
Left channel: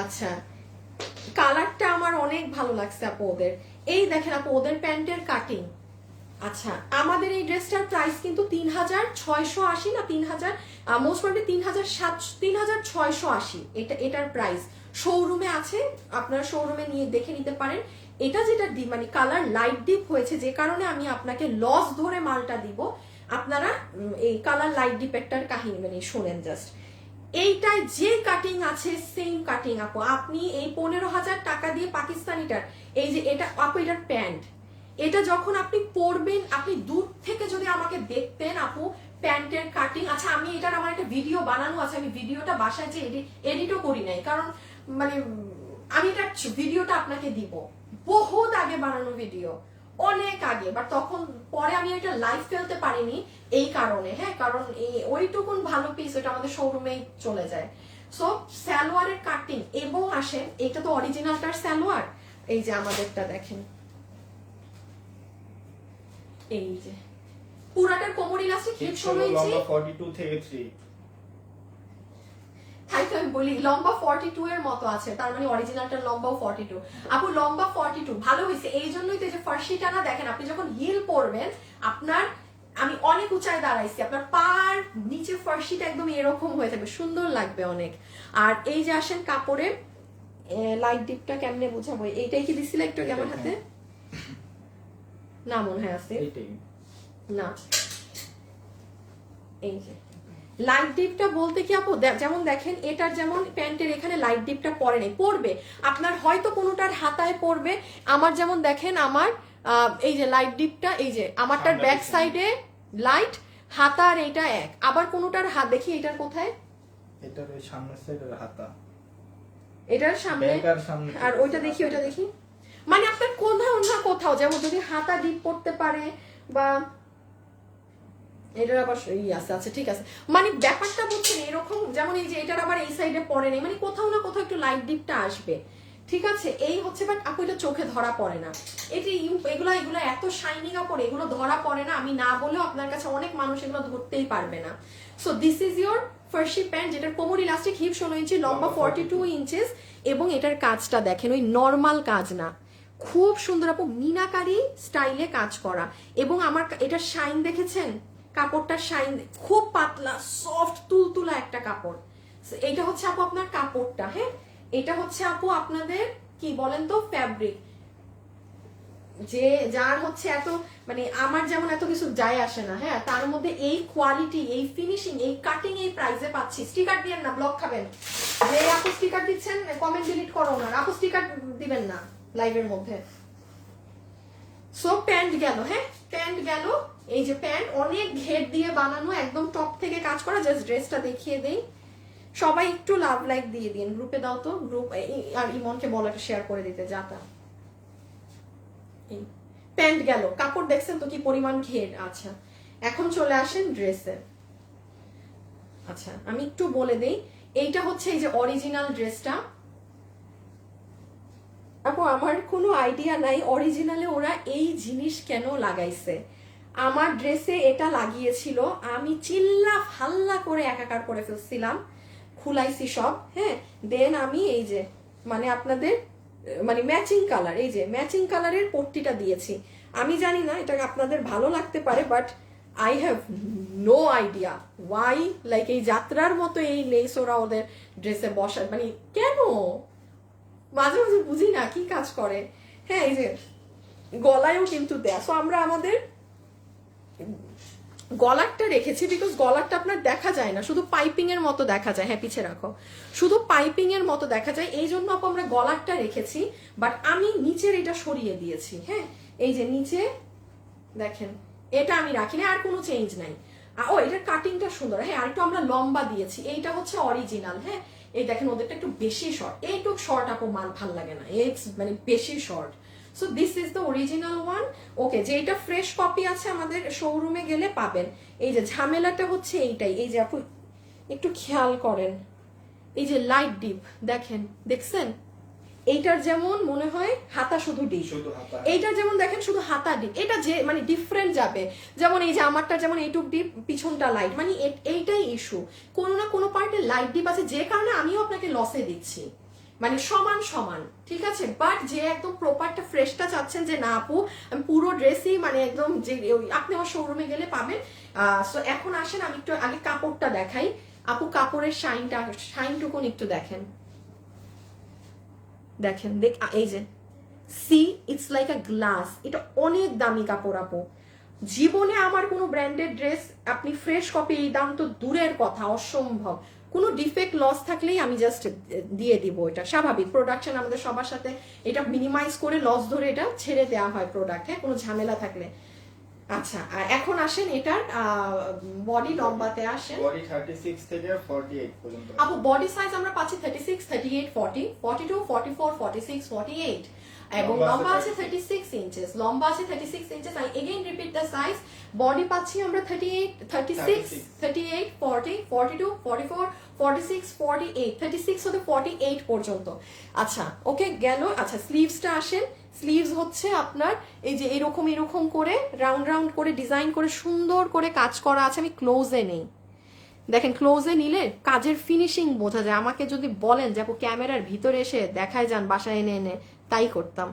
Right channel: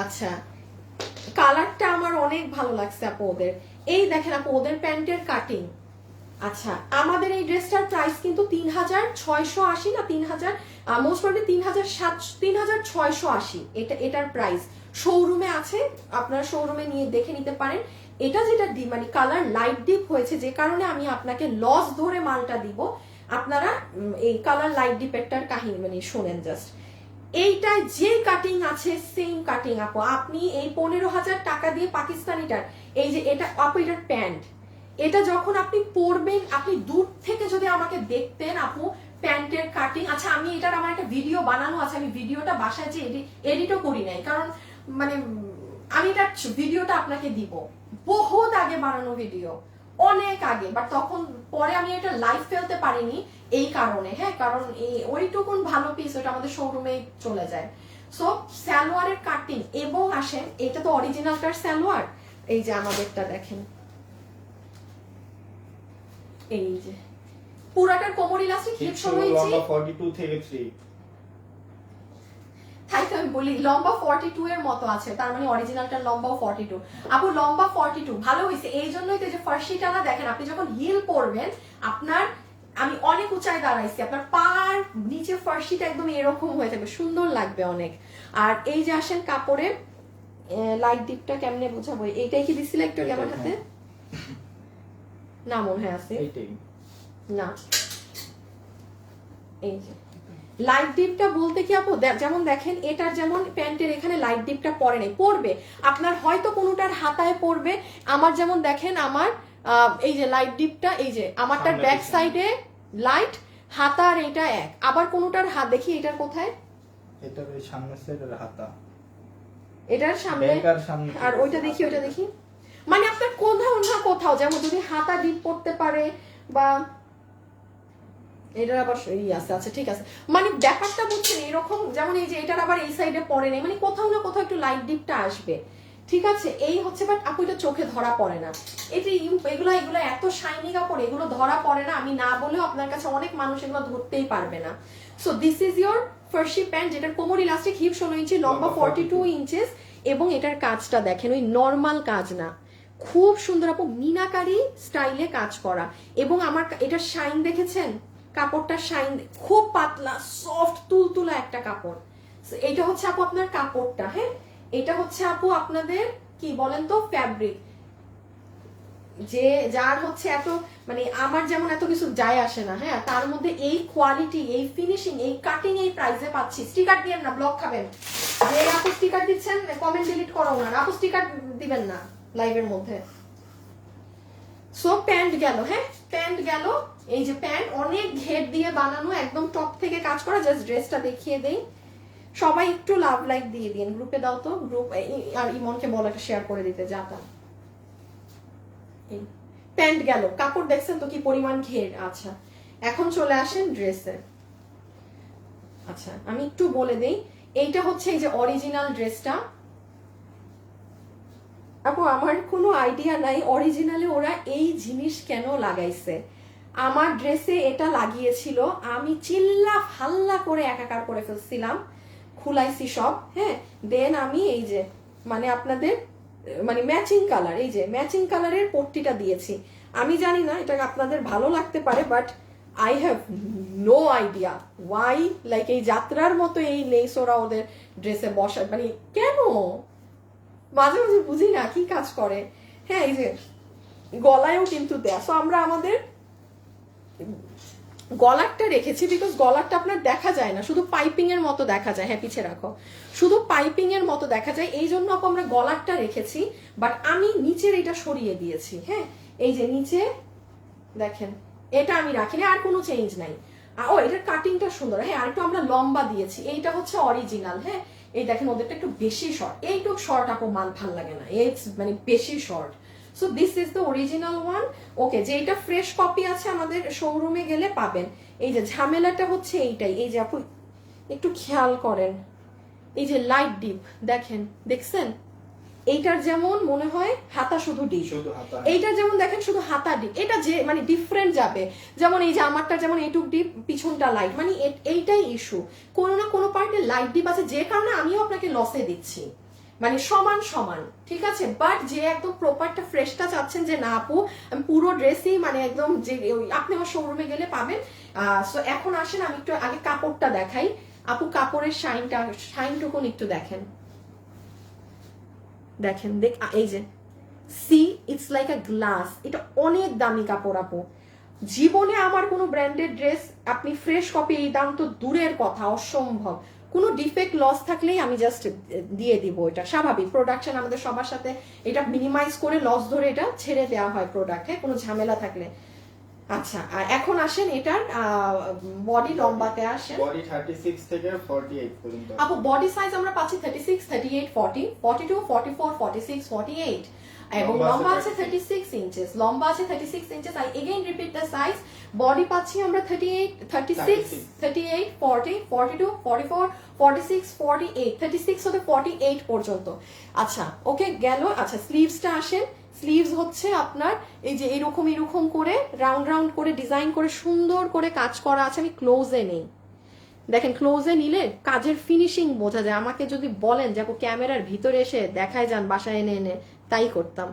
আচ্ছা কালারটা আমার অনেক ভালো লাগছে আপু ওদের, এই দেখেন আপু ওদের প্যান্টের কাটিং। আচ্ছা আমাদের এই ড্রেসটার প্রাইস কিন্তু 3,680 না 3,000, মোস্ট প্রবাবলি 3,680 এটার প্রাইস। শোরুমে আছে, আপনারা শোরুমে নিয়ে দেখে নিতে পারেন। এটা যেটা মানে কালার লাইট ডিপ হয়েছে, যে কারণে আমি আপনাকে লস ধরে মালটা দিব। আপনারা এই কালার লাইট ডিপেরটার কাহিনী মানে শোনেন জাস্ট। এইটায় যে কাটিং আছে সেম কাটিং আপু, আপনি এই 15,000 টাকা দিয়ে পাকিস্তানিটার, এই যে এটা আপু এটার প্যান্ট, এটা যখন আপনি পরবেন, আপনি দূর থেকে যদি আমাকে দেখতেন আপু প্যান্টের কাটিং। আচ্ছা আমি এটার আমার একটা ভিডিও বানানো আছে, আমি ভিডিওটা বাসায় যে এডিটও করি নাই, কারণ মানে আমি এটা ভিডিওটা আপনাকে দিব, বহুত আগে বানানো ভিডিও, অনেক আগে, বাট তখন পরে আমি এটা লাইভ ফেলতে পারিনি এই কারণে, হ্যাঁ কারণ ওইটুকুন ভালো পিস ওটা আমাদের শোরুমে চলে যায়। সো সালোয়ারের কাটিং, এবং আসেন এটা তো অরিজিনালটার সালোয়ার, এই যে আমাদেরটা দেখেন, এই যে পুরাটার কোমর ইলাস্টিক ক্লিপ সমেত 42 থেকে 3, তাই তো আমি বলি লম্বা 42 এর মতো আছে, তার মানে অরিজিনালটার লম্বাও 42। আপু লম্বা 42 ভালো হয়েছে, এই জন্যই তো যে ফার্সিটা না দেখেন, আপনি যখন হিল পরবেন আপনার, আমি অনেক উঁচায় দাঁড়াইছি, আপনার পার নিচে ফার্সিটা একদম এরকম হয়ে থাকবে, সুন্দর লাগবে অনেক। আর এই যে আসেন কাপড়ের লাইট ডিপটা কেমনে বুঝাবো, এইটাই কি দিছিল একটু যেমন হাতে না মনে হয় আছে, এইটাই না এই যে লাইট ডিপটা বলতে কি আপু, যেমন দেখেন এটার যেমন প্যান্টের এখানে লাইট ডিপটা পরে নেই, পড়বে আপনার হয়তো কোনোটার হাতায় পড়বে। আমার যেমন দেখেন আমার এই যে লাইট ডিপটা, এই যে আমারটার ব্যাক সাইডে লাইট, হাতা আর এটা এক। আবার কোনোটার হাত দেখি এটার কোথায়, এটার সামনের সাইডের হাতা, এটার সামনে, আর ওইটা দেখি, ওইটা দেখি। মানে আপনার কোথাও না কোথাও যেমন যদি হাতা ডিপ পড়তে পারে, বা এটার আবার আছে, আচ্ছা ঠিক আছে, মানে ব্যাপারটা বুঝছেন এরকম। যেমন এই যে এটার আবার এই সাইডে পড়ে নেই, মানে কোথাও না কোথাও একটু লাইট ডিপটা আসবে, ঠিক আছে। এই হচ্ছে, বাট আপু এটা চোখে ধরা পড়ে না। এটা এগুলো এত শাইনি কাপড়, এগুলো ধরা পড়ে না। আমি না বলেও আপনার কাছে অনেক মানুষ এগুলো ধরতেই পারবে না। So this is your Farsi pant, যেটার কোমর ইলাস্টিক, হিপ 16 ইঞ্চি, লম্বা 42 ইঞ্চেস, এবং এটার কাজটা দেখেন ওই নর্মাল কাজ না, খুব সুন্দর আপু মিনাকারি স্টাইলে কাজ করা। এবং আমার এটার শাইন দেখেছেন, কাপড়টা শাইন, খুব পাতলা সফট তুলতুলা একটা কাপড়। এইটা হচ্ছে আপু আপনার কাপড়টা, হ্যাঁ এটা হচ্ছে আপু আপনাদের কি বলেন তো ফ্যাব্রিক, যে যার হচ্ছে এত মানে আমার যেমন এত কিছু যায় আসে না, হ্যাঁ তার মধ্যে এই কোয়ালিটি, এই ফিনিশিং, এই কাটিং এই প্রাইসে পাচ্ছি। স্টিকার দিবেন না, ব্লক খাবেন। যে আপু স্টিকার দিচ্ছেন কমেন্ট ডিলিট করো না, আপু স্টিকার দিবেন না লাইভের মধ্যে। সো প্যান্ট গেল, হ্যাঁ প্যান্ট গেল। এই যে প্যান্ট অনেক ঘের দিয়ে বানানো, একদম টপ থেকে কাজ করা। জাস্ট ড্রেসটা দেখিয়ে দেই, সবাই একটু লাভ লাইক দিয়ে দিন, গ্রুপে দাও তো, গ্রুপ আর ইমনকে বলো একটা শেয়ার করে দিতে যাতা। প্যান্ট গেল, কাপড় দেখছেন তো কি পরিমাণ ঘের। আচ্ছা এখন চলে আসেন ড্রেসে। আচ্ছা আমি একটু বলে দেই, এইটা হচ্ছে এই যে অরিজিনাল ড্রেসটা। আপু আমার কোনো আইডিয়া নাই অরিজিনালে ওরা এই জিনিস কেন লাগাইছে। আমার ড্রেসে এটা লাগিয়েছিল, আমি চিল্লা ফাল্লা করে একাকার করে ফেলছিলাম, খুলাইছি সব, হ্যাঁ দেন আমি এই যে মানে আপনাদের মানে ম্যাচিং কালার, এই যে ম্যাচিং কালারের পট্টিটা দিয়েছি। আমি জানি না এটা আপনাদের ভালো লাগতে পারে, but I have no idea why, like এই যাত্রার মতো এই লেস ওরা ওদের ড্রেসে বসায়, মানে কেন মাঝে মাঝে বুঝি না কি কাজ করে। হ্যাঁ এই যে গলায়ও কিন্তু দেয়। সো আমরা আমাদের গলারটা রেখেছি, বিকজ গলারটা আপনার দেখা যায় না, শুধু পাইপিং এর মতো দেখা যায়। হ্যাঁ পিছে রাখো, শুধু পাইপিং এর মতো দেখা যায়, এই জন্য আমরা গলারটা রেখেছি। বাট আমি নিচের এটা সরিয়ে দিয়েছি, হ্যাঁ এই যে নিচে দেখেন এটা আমি রাখিনি, আর কোনো চেঞ্জ নাই। ও এটার কাটিংটা সুন্দর, হ্যাঁ আর একটু আমরা লম্বা দিয়েছি। এইটা হচ্ছে অরিজিনাল, হ্যাঁ এই দেখেন ওদেরটা একটু বেশি শর্ট, এইটুক শর্ট আপু মান ভাল লাগে না, এই মানে বেশি short. So this is the original one. Okay, যে এটা ফ্রেশ কপি আছে আমাদের শোরুমে গেলে পাবেন। এই যে ঝামেলাটা হচ্ছে এইটাই, এই যে আপু একটু খেয়াল করেন, এই যে লাইট ডিপ দেখেন, দেখছেন এইটার যেমন মনে হয় হাতা শুধু ডিপ, এইটা যেমন দেখেন শুধু হাতা ডিপ, এটা যে মানে ডিফারেন্ট যাবে। যেমন এই যে আমারটা যেমন এইটুক ডিপ, পিছনটা লাইট, মানে এইটাই ইস্যু, কোনো না কোনো পার্টে লাইট ডিপ আছে, যে কারণে আমিও আপনাকে লসে দিচ্ছি, মানে সমান সমান, ঠিক আছে। বাট যে একদম প্রপারটা ফ্রেশটা চাচ্ছেন যে না আপু আমি পুরো ড্রেসই মানে একদম, যে আপনি আমার শোরুমে গেলে পাবেন। সো এখন আসেন আমি একটু আগে কাপড়টা দেখাই। আপু কাপড়ের শাইনটুকুন একটু দেখেন, দেখেন এই যে see it's like a glass, এটা অনেক দামি কাপড় আপু। জীবনে আমার কোনো ব্র্যান্ডেড ড্রেস আপনি ফ্রেশ কপি, এই দাম তো দূরের কথা, অসম্ভব। কোনো ডিফেক্ট লস থাকলেই আমি জাস্ট দিয়ে দিব, এটা স্বাভাবিক, প্রোডাকশন আমাদের সবার সাথে এটা মিনিমাইজ করে লস ধরে এটা ছেড়ে দেওয়া হয় প্রোডাক্ট, হ্যাঁ কোনো ঝামেলা থাকলে। আচ্ছা আর এখন আসেন এটার বডি লম্বাতে আসেন, বডি 36 থেকে 48 পর্যন্ত আপু বডি সাইজ আমরা পাচ্ছি 36, 38, 40, 42, 44, 46, 48, এবং লম্বা আছে 36 ইঞ্চেস, লম্বা আছে 36 inches. I again repeat the size, body পাচ্ছি আমরা 38, 36, 38, 40, 42, 44, 46, 48, 36 হতে 48 পর্যন্ত। আচ্ছা ওকে গেল। আচ্ছা স্লিভসটা আসেন, স্লিভস হচ্ছে আপনার এই যে এরকম এরকম করে রাউন্ড রাউন্ড করে ডিজাইন করে সুন্দর করে কাজ করা আছে। আমি ক্লোজে নেই, দেখেন ক্লোজে নিলে কাজের ফিনিশিং বোঝা যায়। আমাকে যদি বলেন যে আপু ক্যামেরার ভিতরে এসে দেখায় যান বাসায় এনে এনে, তাই করতাম।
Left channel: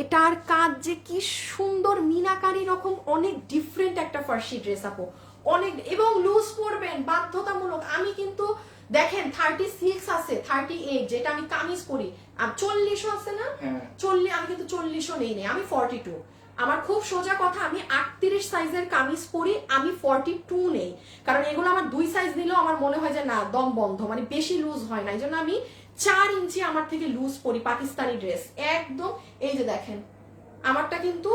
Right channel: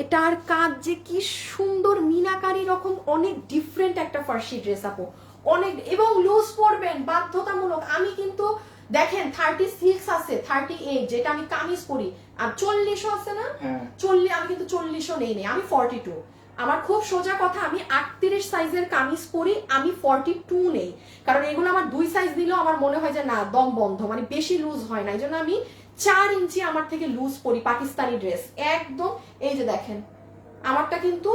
এটার কাজ যে কি সুন্দর মিনাকারি রকম, অনেক ডিফারেন্ট একটা ফার্সি ড্রেস আপু, অনেক, এবং লুজ পরবেন বাধ্যতামূলক। আমি কিন্তু দেখেন 36 আছে, 38 যেটা আমি কামিজ পরি, আর 40 আছে না, 40 আমি কিন্তু 40 নেই, আমি 42, আমার খুব সোজা কথা, আমি 38 সাইজের কামিজ পরি, আমি 42 নেই, কারণ এগুলো আমার 2 সাইজ দিলেও আমার মনে হয় যে না দম বন্ধ, মানে বেশি লুজ হয় না, এই জন্য আমি 4 ইঞ্চি আমার থেকে লুজ পরি পাকিস্তানি ড্রেস একদম। এই যে দেখেন আমারটা কিন্তু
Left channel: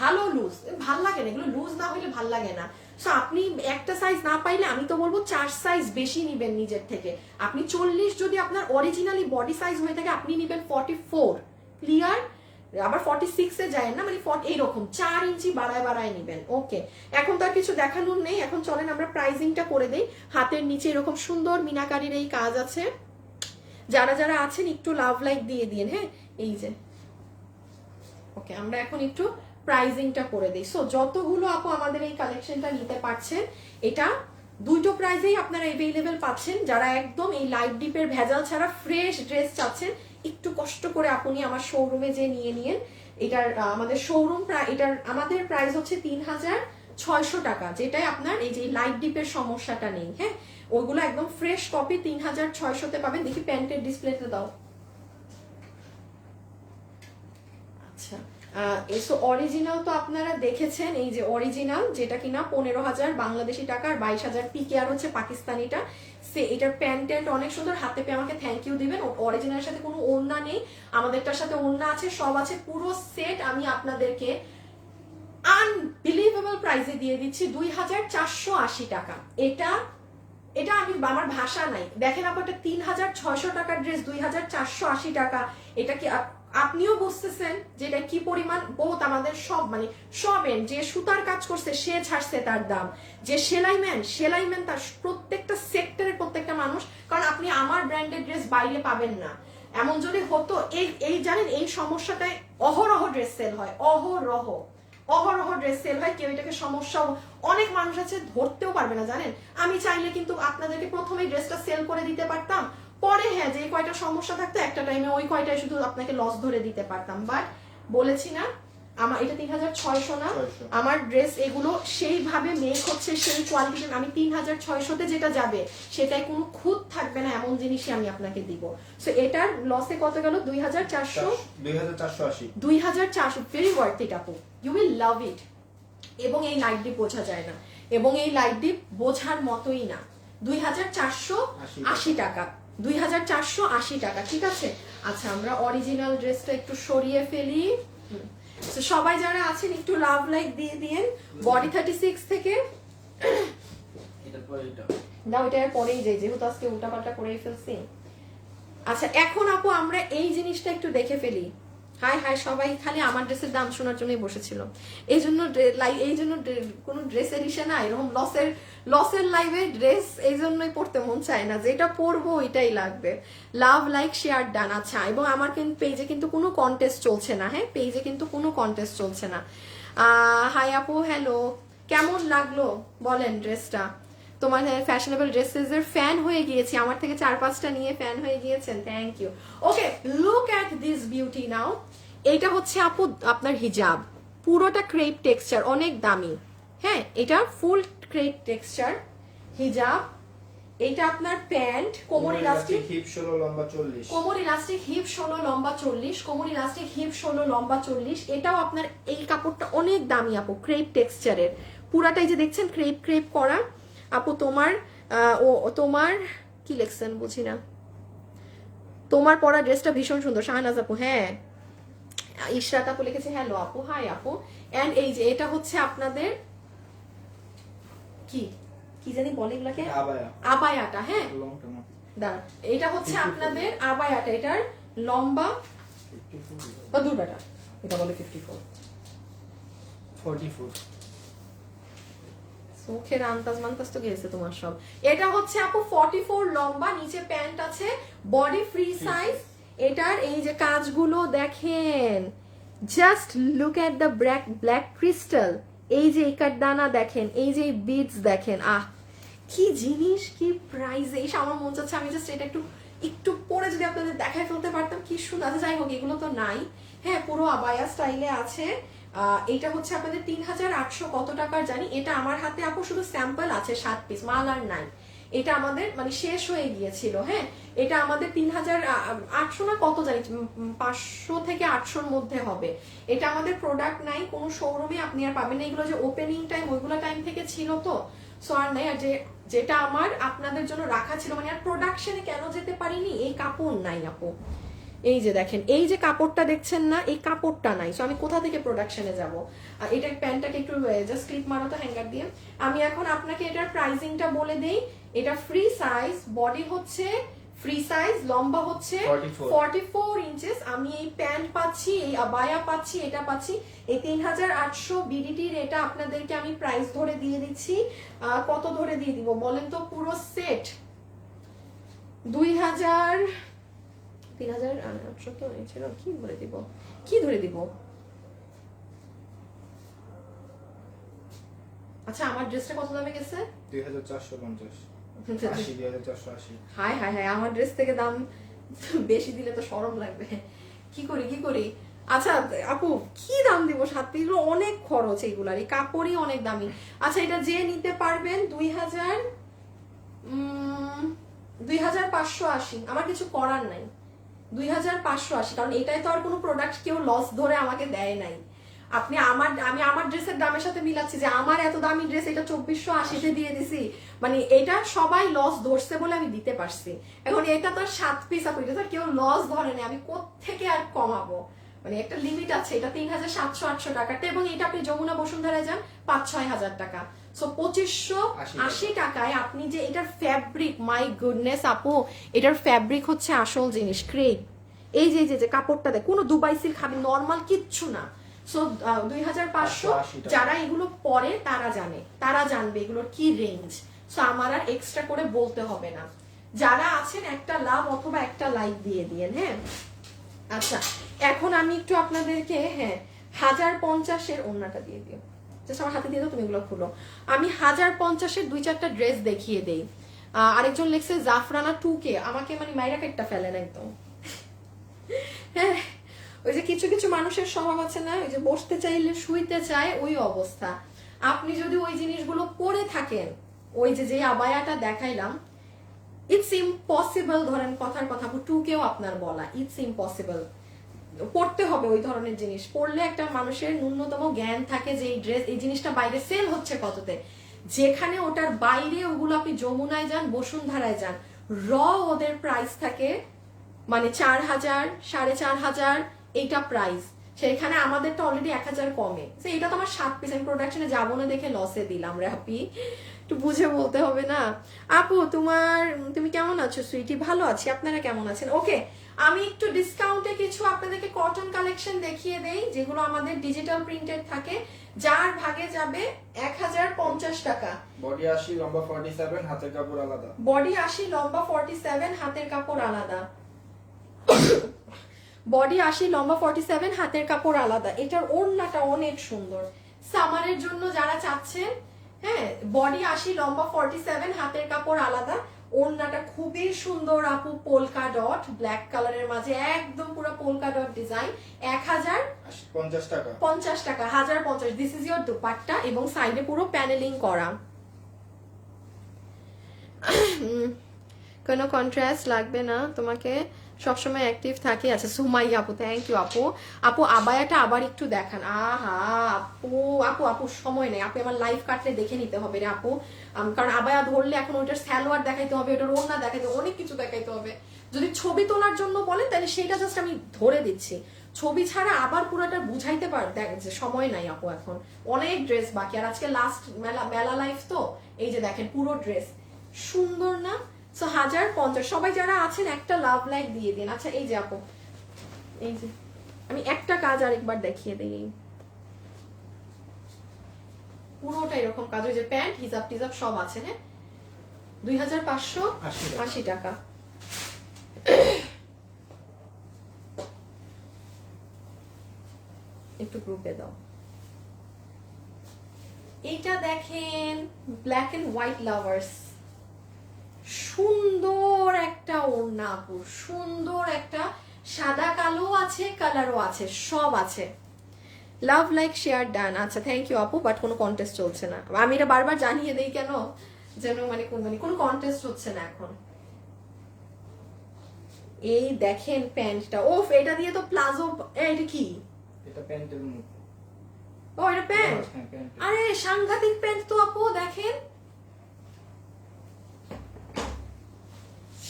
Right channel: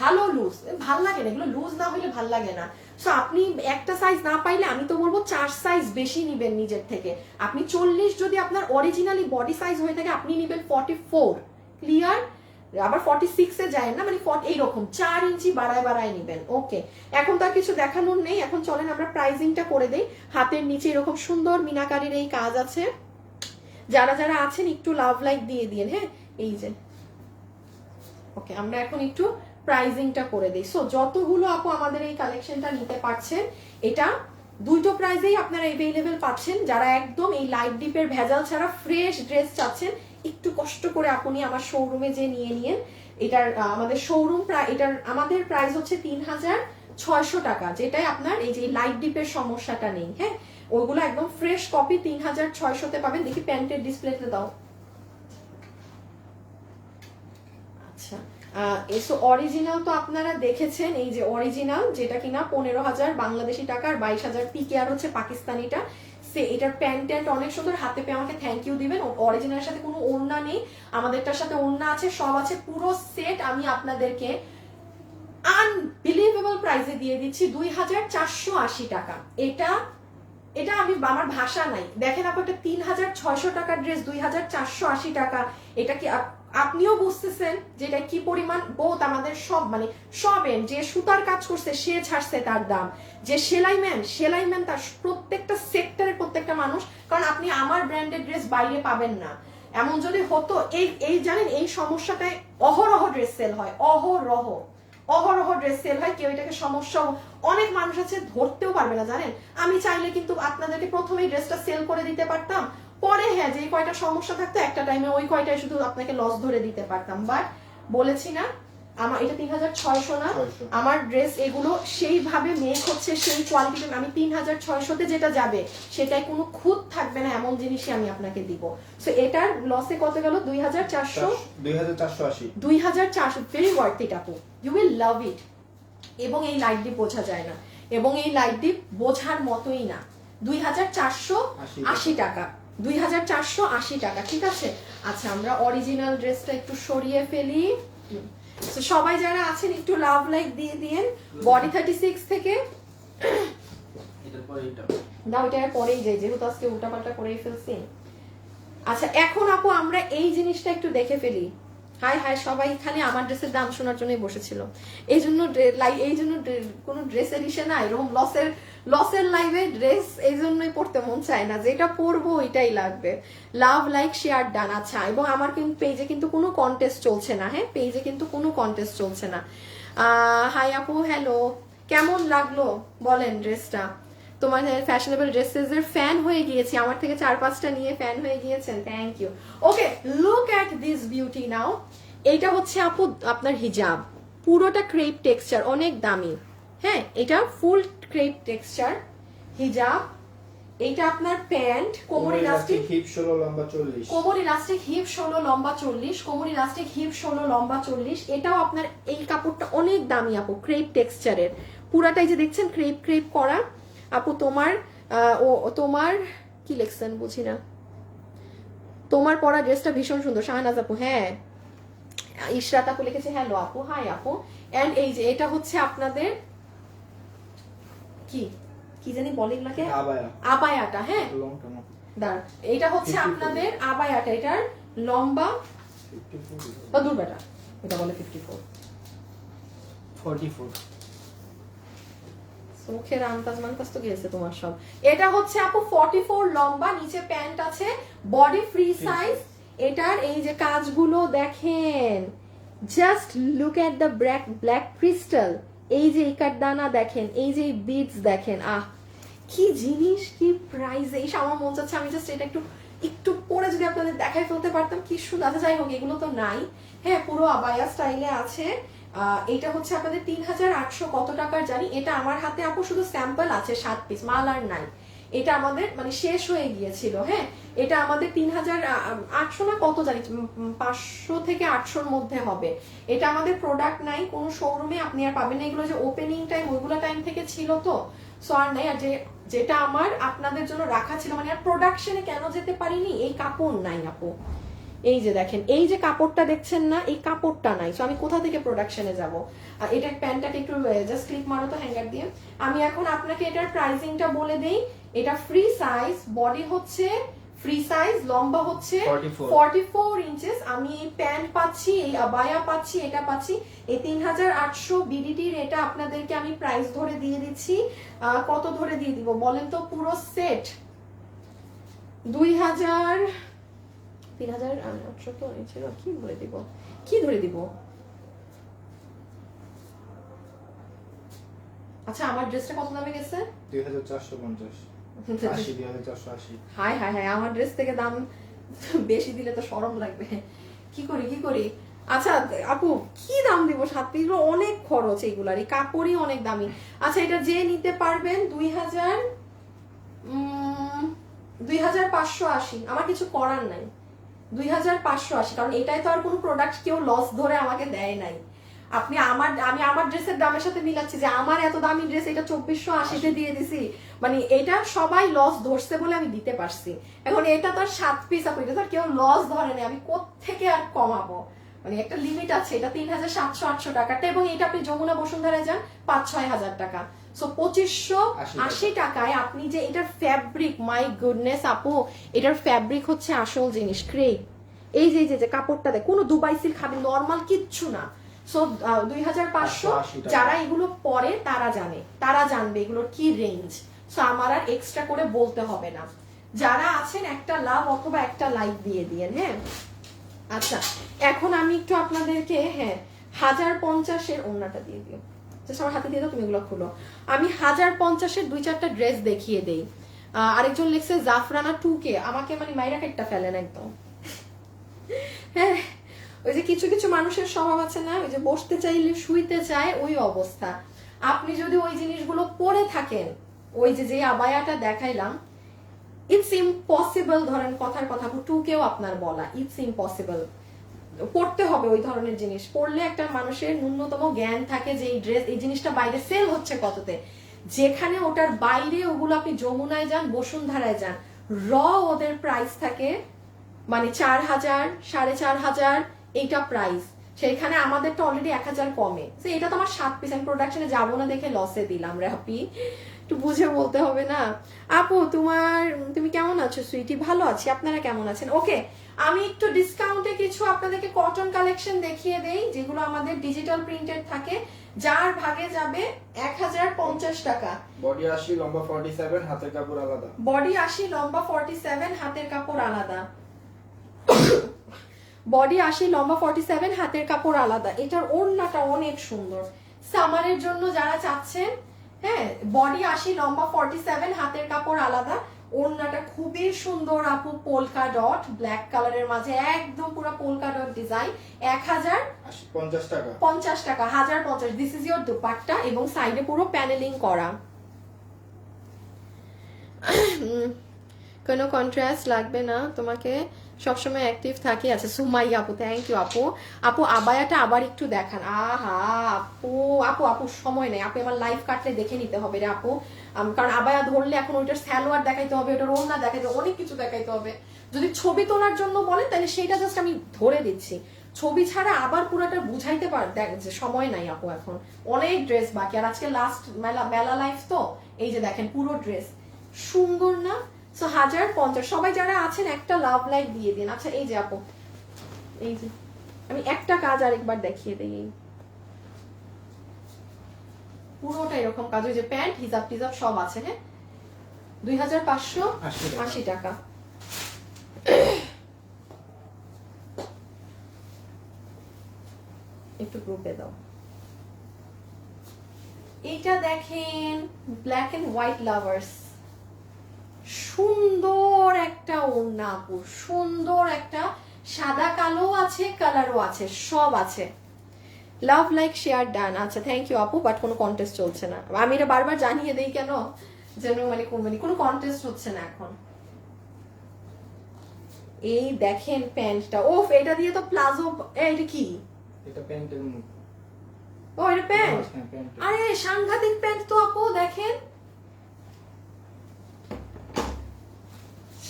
ভালো লুজ, ভাল লাগে না, এগুলো লুজ না হলে ভাল লাগে না। সো আপনি একটা সাইজ না পাইলে আমি তো বলবো 4 সাইজ বেশি নিবেন নিজের থেকে। আপনি 40 যদি আপনার অরিজিনালি বডি সাইজ হয়ে থাকে আপনি নিবেন 44, ক্লিয়ার? আবার 46 এ যায় না, মানে এইরকম 4 ইঞ্চি বাড়ায় বাড়ায় নিবেন। ওকে, এখন তো আর কিছু দেখানোর নেই, এখন চলেন আমরা প্রাইজিংটা করে দেই। হাতের নিচে এরকম সুন্দর মিনাকারির এই কাজ আছে, যারা যারা আছেন একটু লাভ লাইক দিয়ে দিন। হ্যাঁ এই যে ওকে, আমরা এখন একটু প্রাইজিংটা করে দিই। সো যতগুলো আপু আমাদের এই কালেকশনটা নিতে পারছেন, এটা দুটো প্রাইজেই আপনারা এভেইলেবল পাচ্ছেন। যারা একদম এই লাইট ডিপের ভেজাল ছাড়া ফ্রেশ ড্রেস চাচ্ছেন, একটু কষ্ট করে আপনি আমার শোরুমে যে নিয়ে নিন। এটার আমাদের শোরুম এটার আমাদের প্রাইস হচ্ছে 3600 টাকা, যেটাই আপনার এই যে লাইট ডিপের সমস্যাটা নেই। হ্যাঁ, ওইগুলো একদম ফ্রেশ কপি 3600-তে পাবেন। দেখি প্যান্টের ডিসপ্লেতে দাও। আচ্ছা, এসো অরিজিনাল তো আপনারা দেখেছেন, এই যে অরিজিনাল যেটা কিনা 15,000 বাংলাদেশি টাকা আর 22,000 পিকে, আর হচ্ছে পাকিস্তানিটা। সে এটার প্যান্ট অনেক সুন্দর, হাতে পেয়ে আমাকে থ্যাংক ইউ দিবেন। অরিজিনালের সাথে কোনো ওড়না নেই, আমাদেরটার সাথে ওড়না আছে, সব আছে, পুরো সেট আমি আপনাদেরকে আনবিলিভেবল প্রাইসে দিয়ে দিচ্ছি 2,480 টাকা। এটা এটা আমি আমার ভাষা নাই, দেখেন আপনার 3,600 টাকার ড্রেস 2,480 টাকা। এটা কি আপনিও বুঝতেছেন যে এটা কি পরিমাণ বোধ আমাদের সব, মানে সবের যে সুতার কাজ করছে সে ছাড়ছে তার দাম, যে সেলাইম্যান তার প্রত্যেকটা সেক্টরে প্রত্যেকটা মানুষ। কারণ আপনি আমার ব্র্যান্ডের ড্রেস বাইরে পাবেন না। এমন যদি হতো, এই জানেন এই সমস্যাটায় অহরহ ড্রেস সেল হয়, অহরহ ড্রেস সেল হয়, কেউ এটাকে সমস্যা, অনেক মানুষ আছে ধরতেও পারবে না জানেন। আমি চাইলে কিন্তু আপনাদেরকে প্রথমেই ড্রেসটা সেল করে দিতে পারতাম, পরে হ্যাঁ যে কয়টা সমস্যা থাকতো একটা টাইমে ওই কয়টাই শুধু আপনাকে লস ধরে দিতে পারতাম। বাট বলেছি না আমার এটা 3,600 না, আমার ড্রেস এগুলো সেইভাবে মেক হচ্ছে, সেই কোয়ালিটি, আমি 3,600-তে যেটা যাবে সেটাই কোনো খুঁত থাকবে না, এমন জিনিসই আমি আপনাকে দিব। সো এটার লসে কত গেল? 2,480 ভেরি ওয়ার্থ ইট আপু, ইউ উইল লাভ ইট। এবং এই লাইট ডিপ বোঝা যায় না, এবং এই লাইট ডিপ বোঝার মতোই না। 2,480 টাকা, 2,480 টাকা, ঠিক আছে। আচ্ছা আমরা অরিজিনাল ড্রেসটা একটু সরিয়ে ফেলি। তো সবাই যারা আছেন একটু লাভ লাইক দিয়ে দিন। বডি 36 থেকে দাও, এটার পরেই যাই যেহেতু আজকে উল্টাপাল্টা করে ফেলছি। আচ্ছা এখন আপু আমরা এই জিনিসটা একটু দেখে ফেলি। হাই সবাই খালি আমার ড্রেসের দাম শোনার জন্যই বসেছিল, এই জন্য কোনো ড্রেস এডিশন না, এরকম লসের লাইভে ড্রেস এই জন্যই পড়তে মন চায় না, যেটা পরবো ওইটাই লাগবে। Love like share done. আচ্ছা, এবং আমার কিন্তু পেজে কিন্তু কোনো কন্টেস্ট চলছে না। হ্যাঁ, পেজে কিন্তু কোনো কন্টেস্ট চলছে না। হাই আপু, হ্যালো, কেমন লাগলো বলেন ড্রেসটা? তোমার ফ্যাশনেবল ড্রেসেস এর ফ্যান হয়ে গিয়েছি, আমার থেকে 4-5টা নিয়ে ফ্যান হয়ে গিয়েছেন, thank you. Okay, look at this beauty now. এইটা হচ্ছে আপু আপনার হিজাব, পুরোটা ক্রেপ টেক্সচার, অনেক দামি। হ্যাঁ, এটা ফুল ক্রেপ টেক্সচার হিজাব। এইটা আপনার প্যান্ট, কোমর ইলাস্টিক, হিপ 16 লম্বা 40, কোমর ইলাস্টিক হিপ 16 লম্বা 40, কোমর ইলাস্টিক হিপ 16 লম্বা 40। এটাও আপনার এই কাপড়টা অনেক দামি আপু, ক্রেপ টেক্সচারের পুরাটাই যে দেখছেন ক্রেপ করা। আপু তোমার তোমার কি লেখছেন বুঝি না, তোমার পরা ড্রেসটা ভীষণ সুন্দর শাহনাজ আপু। হ্যাঁ, ইশরাত আপু লিখেছে হ্যালো আপু, হাই আপু। এন্ড এই যে এটা হচ্ছে আপনাদের কি জানি বলেন নাকি, আবায়াটা। হ্যাঁ দাঁড়া, এটা হচ্ছে আপনাদের আবায়াটা, এটার লম্বা দুবাটা, এটা বলে 44 মুখের আন্তাজ মান্তাজ তো গিয়েছে তোমার সব। এটা হচ্ছে আপু 44 লম্বা, নিচে প্যান্ট আছে, বডি ফ্রি সাইজ। এটার এই যে কাজগুলো দেখেন, just look at the black crystal, এই যে ইকার দানা দেখেন, এই যে বিডস দেখেন, কি জিনিস, কি প্রাইস। এই আমার মন চাচ্ছে আমি জাস্ট এটা একটু পরে যদি আপনাদের দেখাই ফেলতে পারতাম, কি সুন্দর। যাই হোক, এগুলো তো নাই। হ্যাঁ, পুরো আবায়া স্টাইলে আছে। এটা হচ্ছে আপনাদের 3,800 কত টাকার জানি। এটা আমার হাতে আপু শুধু স্যাম্পল আছে 7 পিস, মাল আর নাই। এটা আমাদের মানে শেষ হয়ে গিয়েছিল। হ্যাঁ, এটা আমাদের 3800 না কত জানি, 500 থেকে 800-র মধ্যে হবে। এটা আমাদের প্রোডাক্ট নাই কোনো শোরুমে, আপনি আর পাবেন না। এগুলো যে ওপেনিং টাইম ওইগুলো টাইম থেকে ছিল তো, সো আর নাই। আর যেটা আমার আপনাদের জন্য রাখা ছিল, মানে আর প্রোডাকশনে কেন যেতে পারিনি, এই কাপড় নাই আপু। এই যে দেখেন, এই যে কাপড়টা দেখছেন না, এই কাপড়টা নাই, সো আমি কোথা থেকে প্রোডাকশনে যাব। আর এটা প্যান্টটাকে একটু জাস্ট ক্লিপ মারো তো হ্যাঙ্গার দিয়ে। আমি এখন আপনাকে এটার প্রাইসিংটা বলে দেই। এটা ফ্রি সাইজ, বডি হচ্ছে ফ্রি সাইজ, লম্বা হচ্ছে 44 ইঞ্চেস। আমি এই প্যান্ট পাচ্ছি, এই আবায়া পাচ্ছি, এটা পাচ্ছি। এই 3800 বিডিটির এটা আপনাদেরকে আমি প্রাইস ধরে দিয়ে দিচ্ছি। কত ধরে দিয়ে দিব বলেন তো? পুরো সেট 2000 3000 তো ছিল, কি বলে দিব, কি ধরে দিব? আচ্ছা, আমার ড্রেসটা কত দামে গেছে? 2450, 2480। হাই হাই হাই, আমার ড্রেস থেকে দাম বেশি দিলে তো শরম লাগবে। কি করি? আচ্ছা আপু, কি দাম দিব? 7 পিস অনেক খরচ, এইগুলার এই কাপড়ই অনেক দামি। আচ্ছা, এটা যে নিতে পারবেন 2580, আমার কিছু করার নাই। 2580, কারণ এটাই তো আর কোনো প্রোডাক্ট কেউ লস ধরে আমাকে দেয় নাই। আমি আমার ড্রেসের দামের সাথে মিলাচ্ছি যে আমার এত দামি ড্রেস এটা 2480-তে দিয়ে দিছি, মানে এটা সবাই লস ধরছে বলে আমি দিতে পারছি। এখন এটা তো 7 পিস আপু, এটা তো কেউ লস ধরে নেই, আমি কোত্থেকে আর কমাবো? মানে একটা লিমিট আছে। এটা 3700-800 টাকাটা, এবং এটা আপনি যমুনা বসুন্ধরায় যান 5-6 হাজার টাকা। সো 2580 টাকায় আপনি যে এটার ফ্যাব্রিক, মাই গুডনেস আপু, এটার ফ্যাব্রিক হচ্ছে আসল জিনিস, ক্রেপ। এই যে কাপড়টা দেখ, কোনো দুবাই সিল্ক খাবে, নর্মাল কিচ্ছু না। সো 2500, যারা এগুলো পরে তারা জানবে এগুলোর কি রেঞ্জ। সো আমার আর এক্সট্রা করে বলতে হবে না। যারা আছেন একটা লাভ অথবা একটা লাইক দিয়ে দিয়েন। হ্যাঁ, আচ্ছা এখন আমি একটু আপনাদেরকে 1050-এর ওড়নাটা দিয়ে দিই, সবার হাতে দিয়ে দাও, তুমি এগুলো খুলো। আমি 1050-এর 2-4টা ড্রেস দেখিয়ে দেই। আরেকজন লিখছে জাফরানা 2K, আমাকে মানে মাইরা একটা ফেলেন একদম। হ্যাঁ, ওই যে কিছু কিছু মানুষের স্বভাব আছে না, ওই যে বসতে চাইলে শুইতে চায়, ওই অবস্থা। আপনি যদি ওই জিনিসগুলো পরে থাকেন, ওই যে আবায়াটা দেখাইলাম, ইটস ইম্পসিবল, ধরেন কথার কথা 2Kও আপনার বলা, ইটস ইম্পসিবল। পড়তে হবে ওই ধরনের জিনিস, পড়লে একটা মানুষের ন্যূনতম জ্ঞান থাকে যে এই ড্রেস, এই জিনিসটা বাইরে সেল হচ্ছে কততে। যেখানে ওটার বাইরে, ওগুলো আপনি যমুনায় যান, বসুন্ধরায় যান, ওদের প্রাইস থাকে মানে 4000, 4500, এইটা প্রাইস। সেইখানে আমাদেরটা অলরেডি 1000 কমে। এটা তো আমার 7 পিস, আমি প্রোডাকশনে যাবো না দেখে লসে দিলাম রে আপি, একটু বুঝে বলতে হবে না। আপু তুমি কেমন আছো সুইটি? ভালো আছি, আপনারা কেমন আছেন? ওকে, আমি একটু ডিসকাউন্টে কিছু আপনাদেরকে কটন কালেকশন দেখিয়ে দেই, যেগুলো আমাদের ডিজিটাল প্রিন্টেড থাকে, যার ভাগে যাবে 1050 টাকা। বডি 80, লম্বা 47, হাতের কাপড় আলাদা। বডি 80, লম্বা 47, হাতের কাপড় আলাদা। বডি 80, লম্বা 47, হাতের কাপড় আলাদা। এটার ওড়নাটা অনেক সুন্দর, সামারের জন্য যারা চাচ্ছেন। হ্যাঁ, বডি 80, লম্বা 47, হাতের কাপড় আলাদা। ওড়নাটা খুবই সুন্দর আপু, পোলকা ডট ব্ল্যাক কালারের মাঝে একদম পুরো পোলকা ডট ডিজাইন। 1050 টাকা। 1050, দিস ইজ ইয়োর দুপাট্টা, এবং সাইডে পুরো প্যানেলিং করা। কোনো কন্ট্রাস্ট লাগবে না তোমাকে, সবসময় অ্যাক্টিভ থাকি। আচ্ছা সুমাই আপু, থ্যাংক ইউ আপু আবায়াটা আবার একটু দেখান। আহা আপু সময় নেই, আপনি আমার লাইভ কাটলে দেখে নিতে হবে রে আপু, কারণ আবায়া ধরলে এখন ওইটার সালোয়ার দেখাইতে হবে, ওটার ওড়না দেখাইতে হবে, অনেক কিছু দেখাইতে হবে। যদি ছবি তোলার জন্য বলেন তাহলে সেটা জাস্ট আমি ধরে দিচ্ছি, ছবি ছাড়া আবার পুরোটা বুঝাইতে দেখ যে সময় নাই আপু, এখন অনেক ড্রেস বাকি। আর আজকে লাস্ট মেলা লাইফ তো, এই যে দেখেন পুরো ড্রেস সুন্দর না? 1050, সবাই যারা আছেন একটা লাভ লাইক দিয়ে দিন। আচ্ছা এই যে আপু, এই যে আমি একটা কাজ আরেকবার দেখিয়ে দিই, পুরোটা এরকম কাজ, ওই যে প্যান্ট হিজাব টিজাব সব আছে। হ্যাঁ, 2580 টাকা। একটু গ্রুপে দাও। এটা দেখেন, ব্ল্যাক এন্ড হোয়াইট লাভার্স, সুন্দর একটা ওড়না আপু, সুন্দর একটা, সাদা কালো আছে, কালারও আছে, সব আছে। Love like share done. আচ্ছা থ্যাংক ইউ আপু, বাট কোনো কন্টেস্ট চলছে না। আমি এটা বারবার জানিয়ে দেই কেন, যেন মানে কোনো কন্টেস্ট হচ্ছে না এখন। এই দেখেন প্যান্টটা, ওফ এটা দিয়ে তো প্লাজো, এটা কি? এটা প্যান্টের মুখ। ও এটা প্যান্ট, হ্যাঁ, প্যান্ট। আরে সাংঘাতিক প্যান্ট তো আপু, দেখেন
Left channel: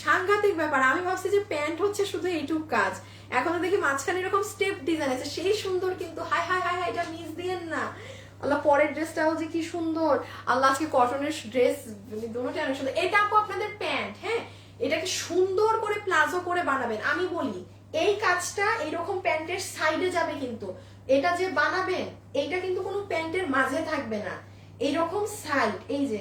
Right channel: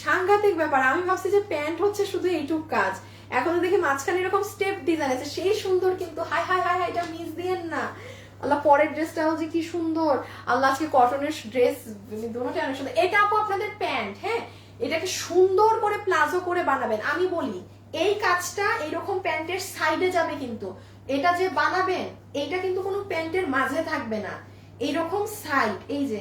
সাংঘাতিক ব্যাপার। আমি ভাবছি যে প্যান্ট হচ্ছে শুধু এইটুক কাজ, এখন তো দেখি মাঝখানে এরকম স্টেপ ডিজাইন আছে, সেই সুন্দর কিন্তু। হাই হাই হাই হাই, এটা মিস দিয়েন না আল্লাহ। পরের ড্রেসটাও যে কি সুন্দর আল্লাহ, আজকে কটনের ড্রেস দুটোটাই অনেক সুন্দর। এটা আপু আপনাদের প্যান্ট, হ্যাঁ এটাকে সুন্দর করে প্লাজো করে বানাবেন। আমি বলি এই কাজটা এইরকম প্যান্টের সাইডে যাবে, কিন্তু এটা যে বানাবেন এইটা কিন্তু কোনো প্যান্টের মাঝে থাকবে না, এইরকম সাইড, এই যে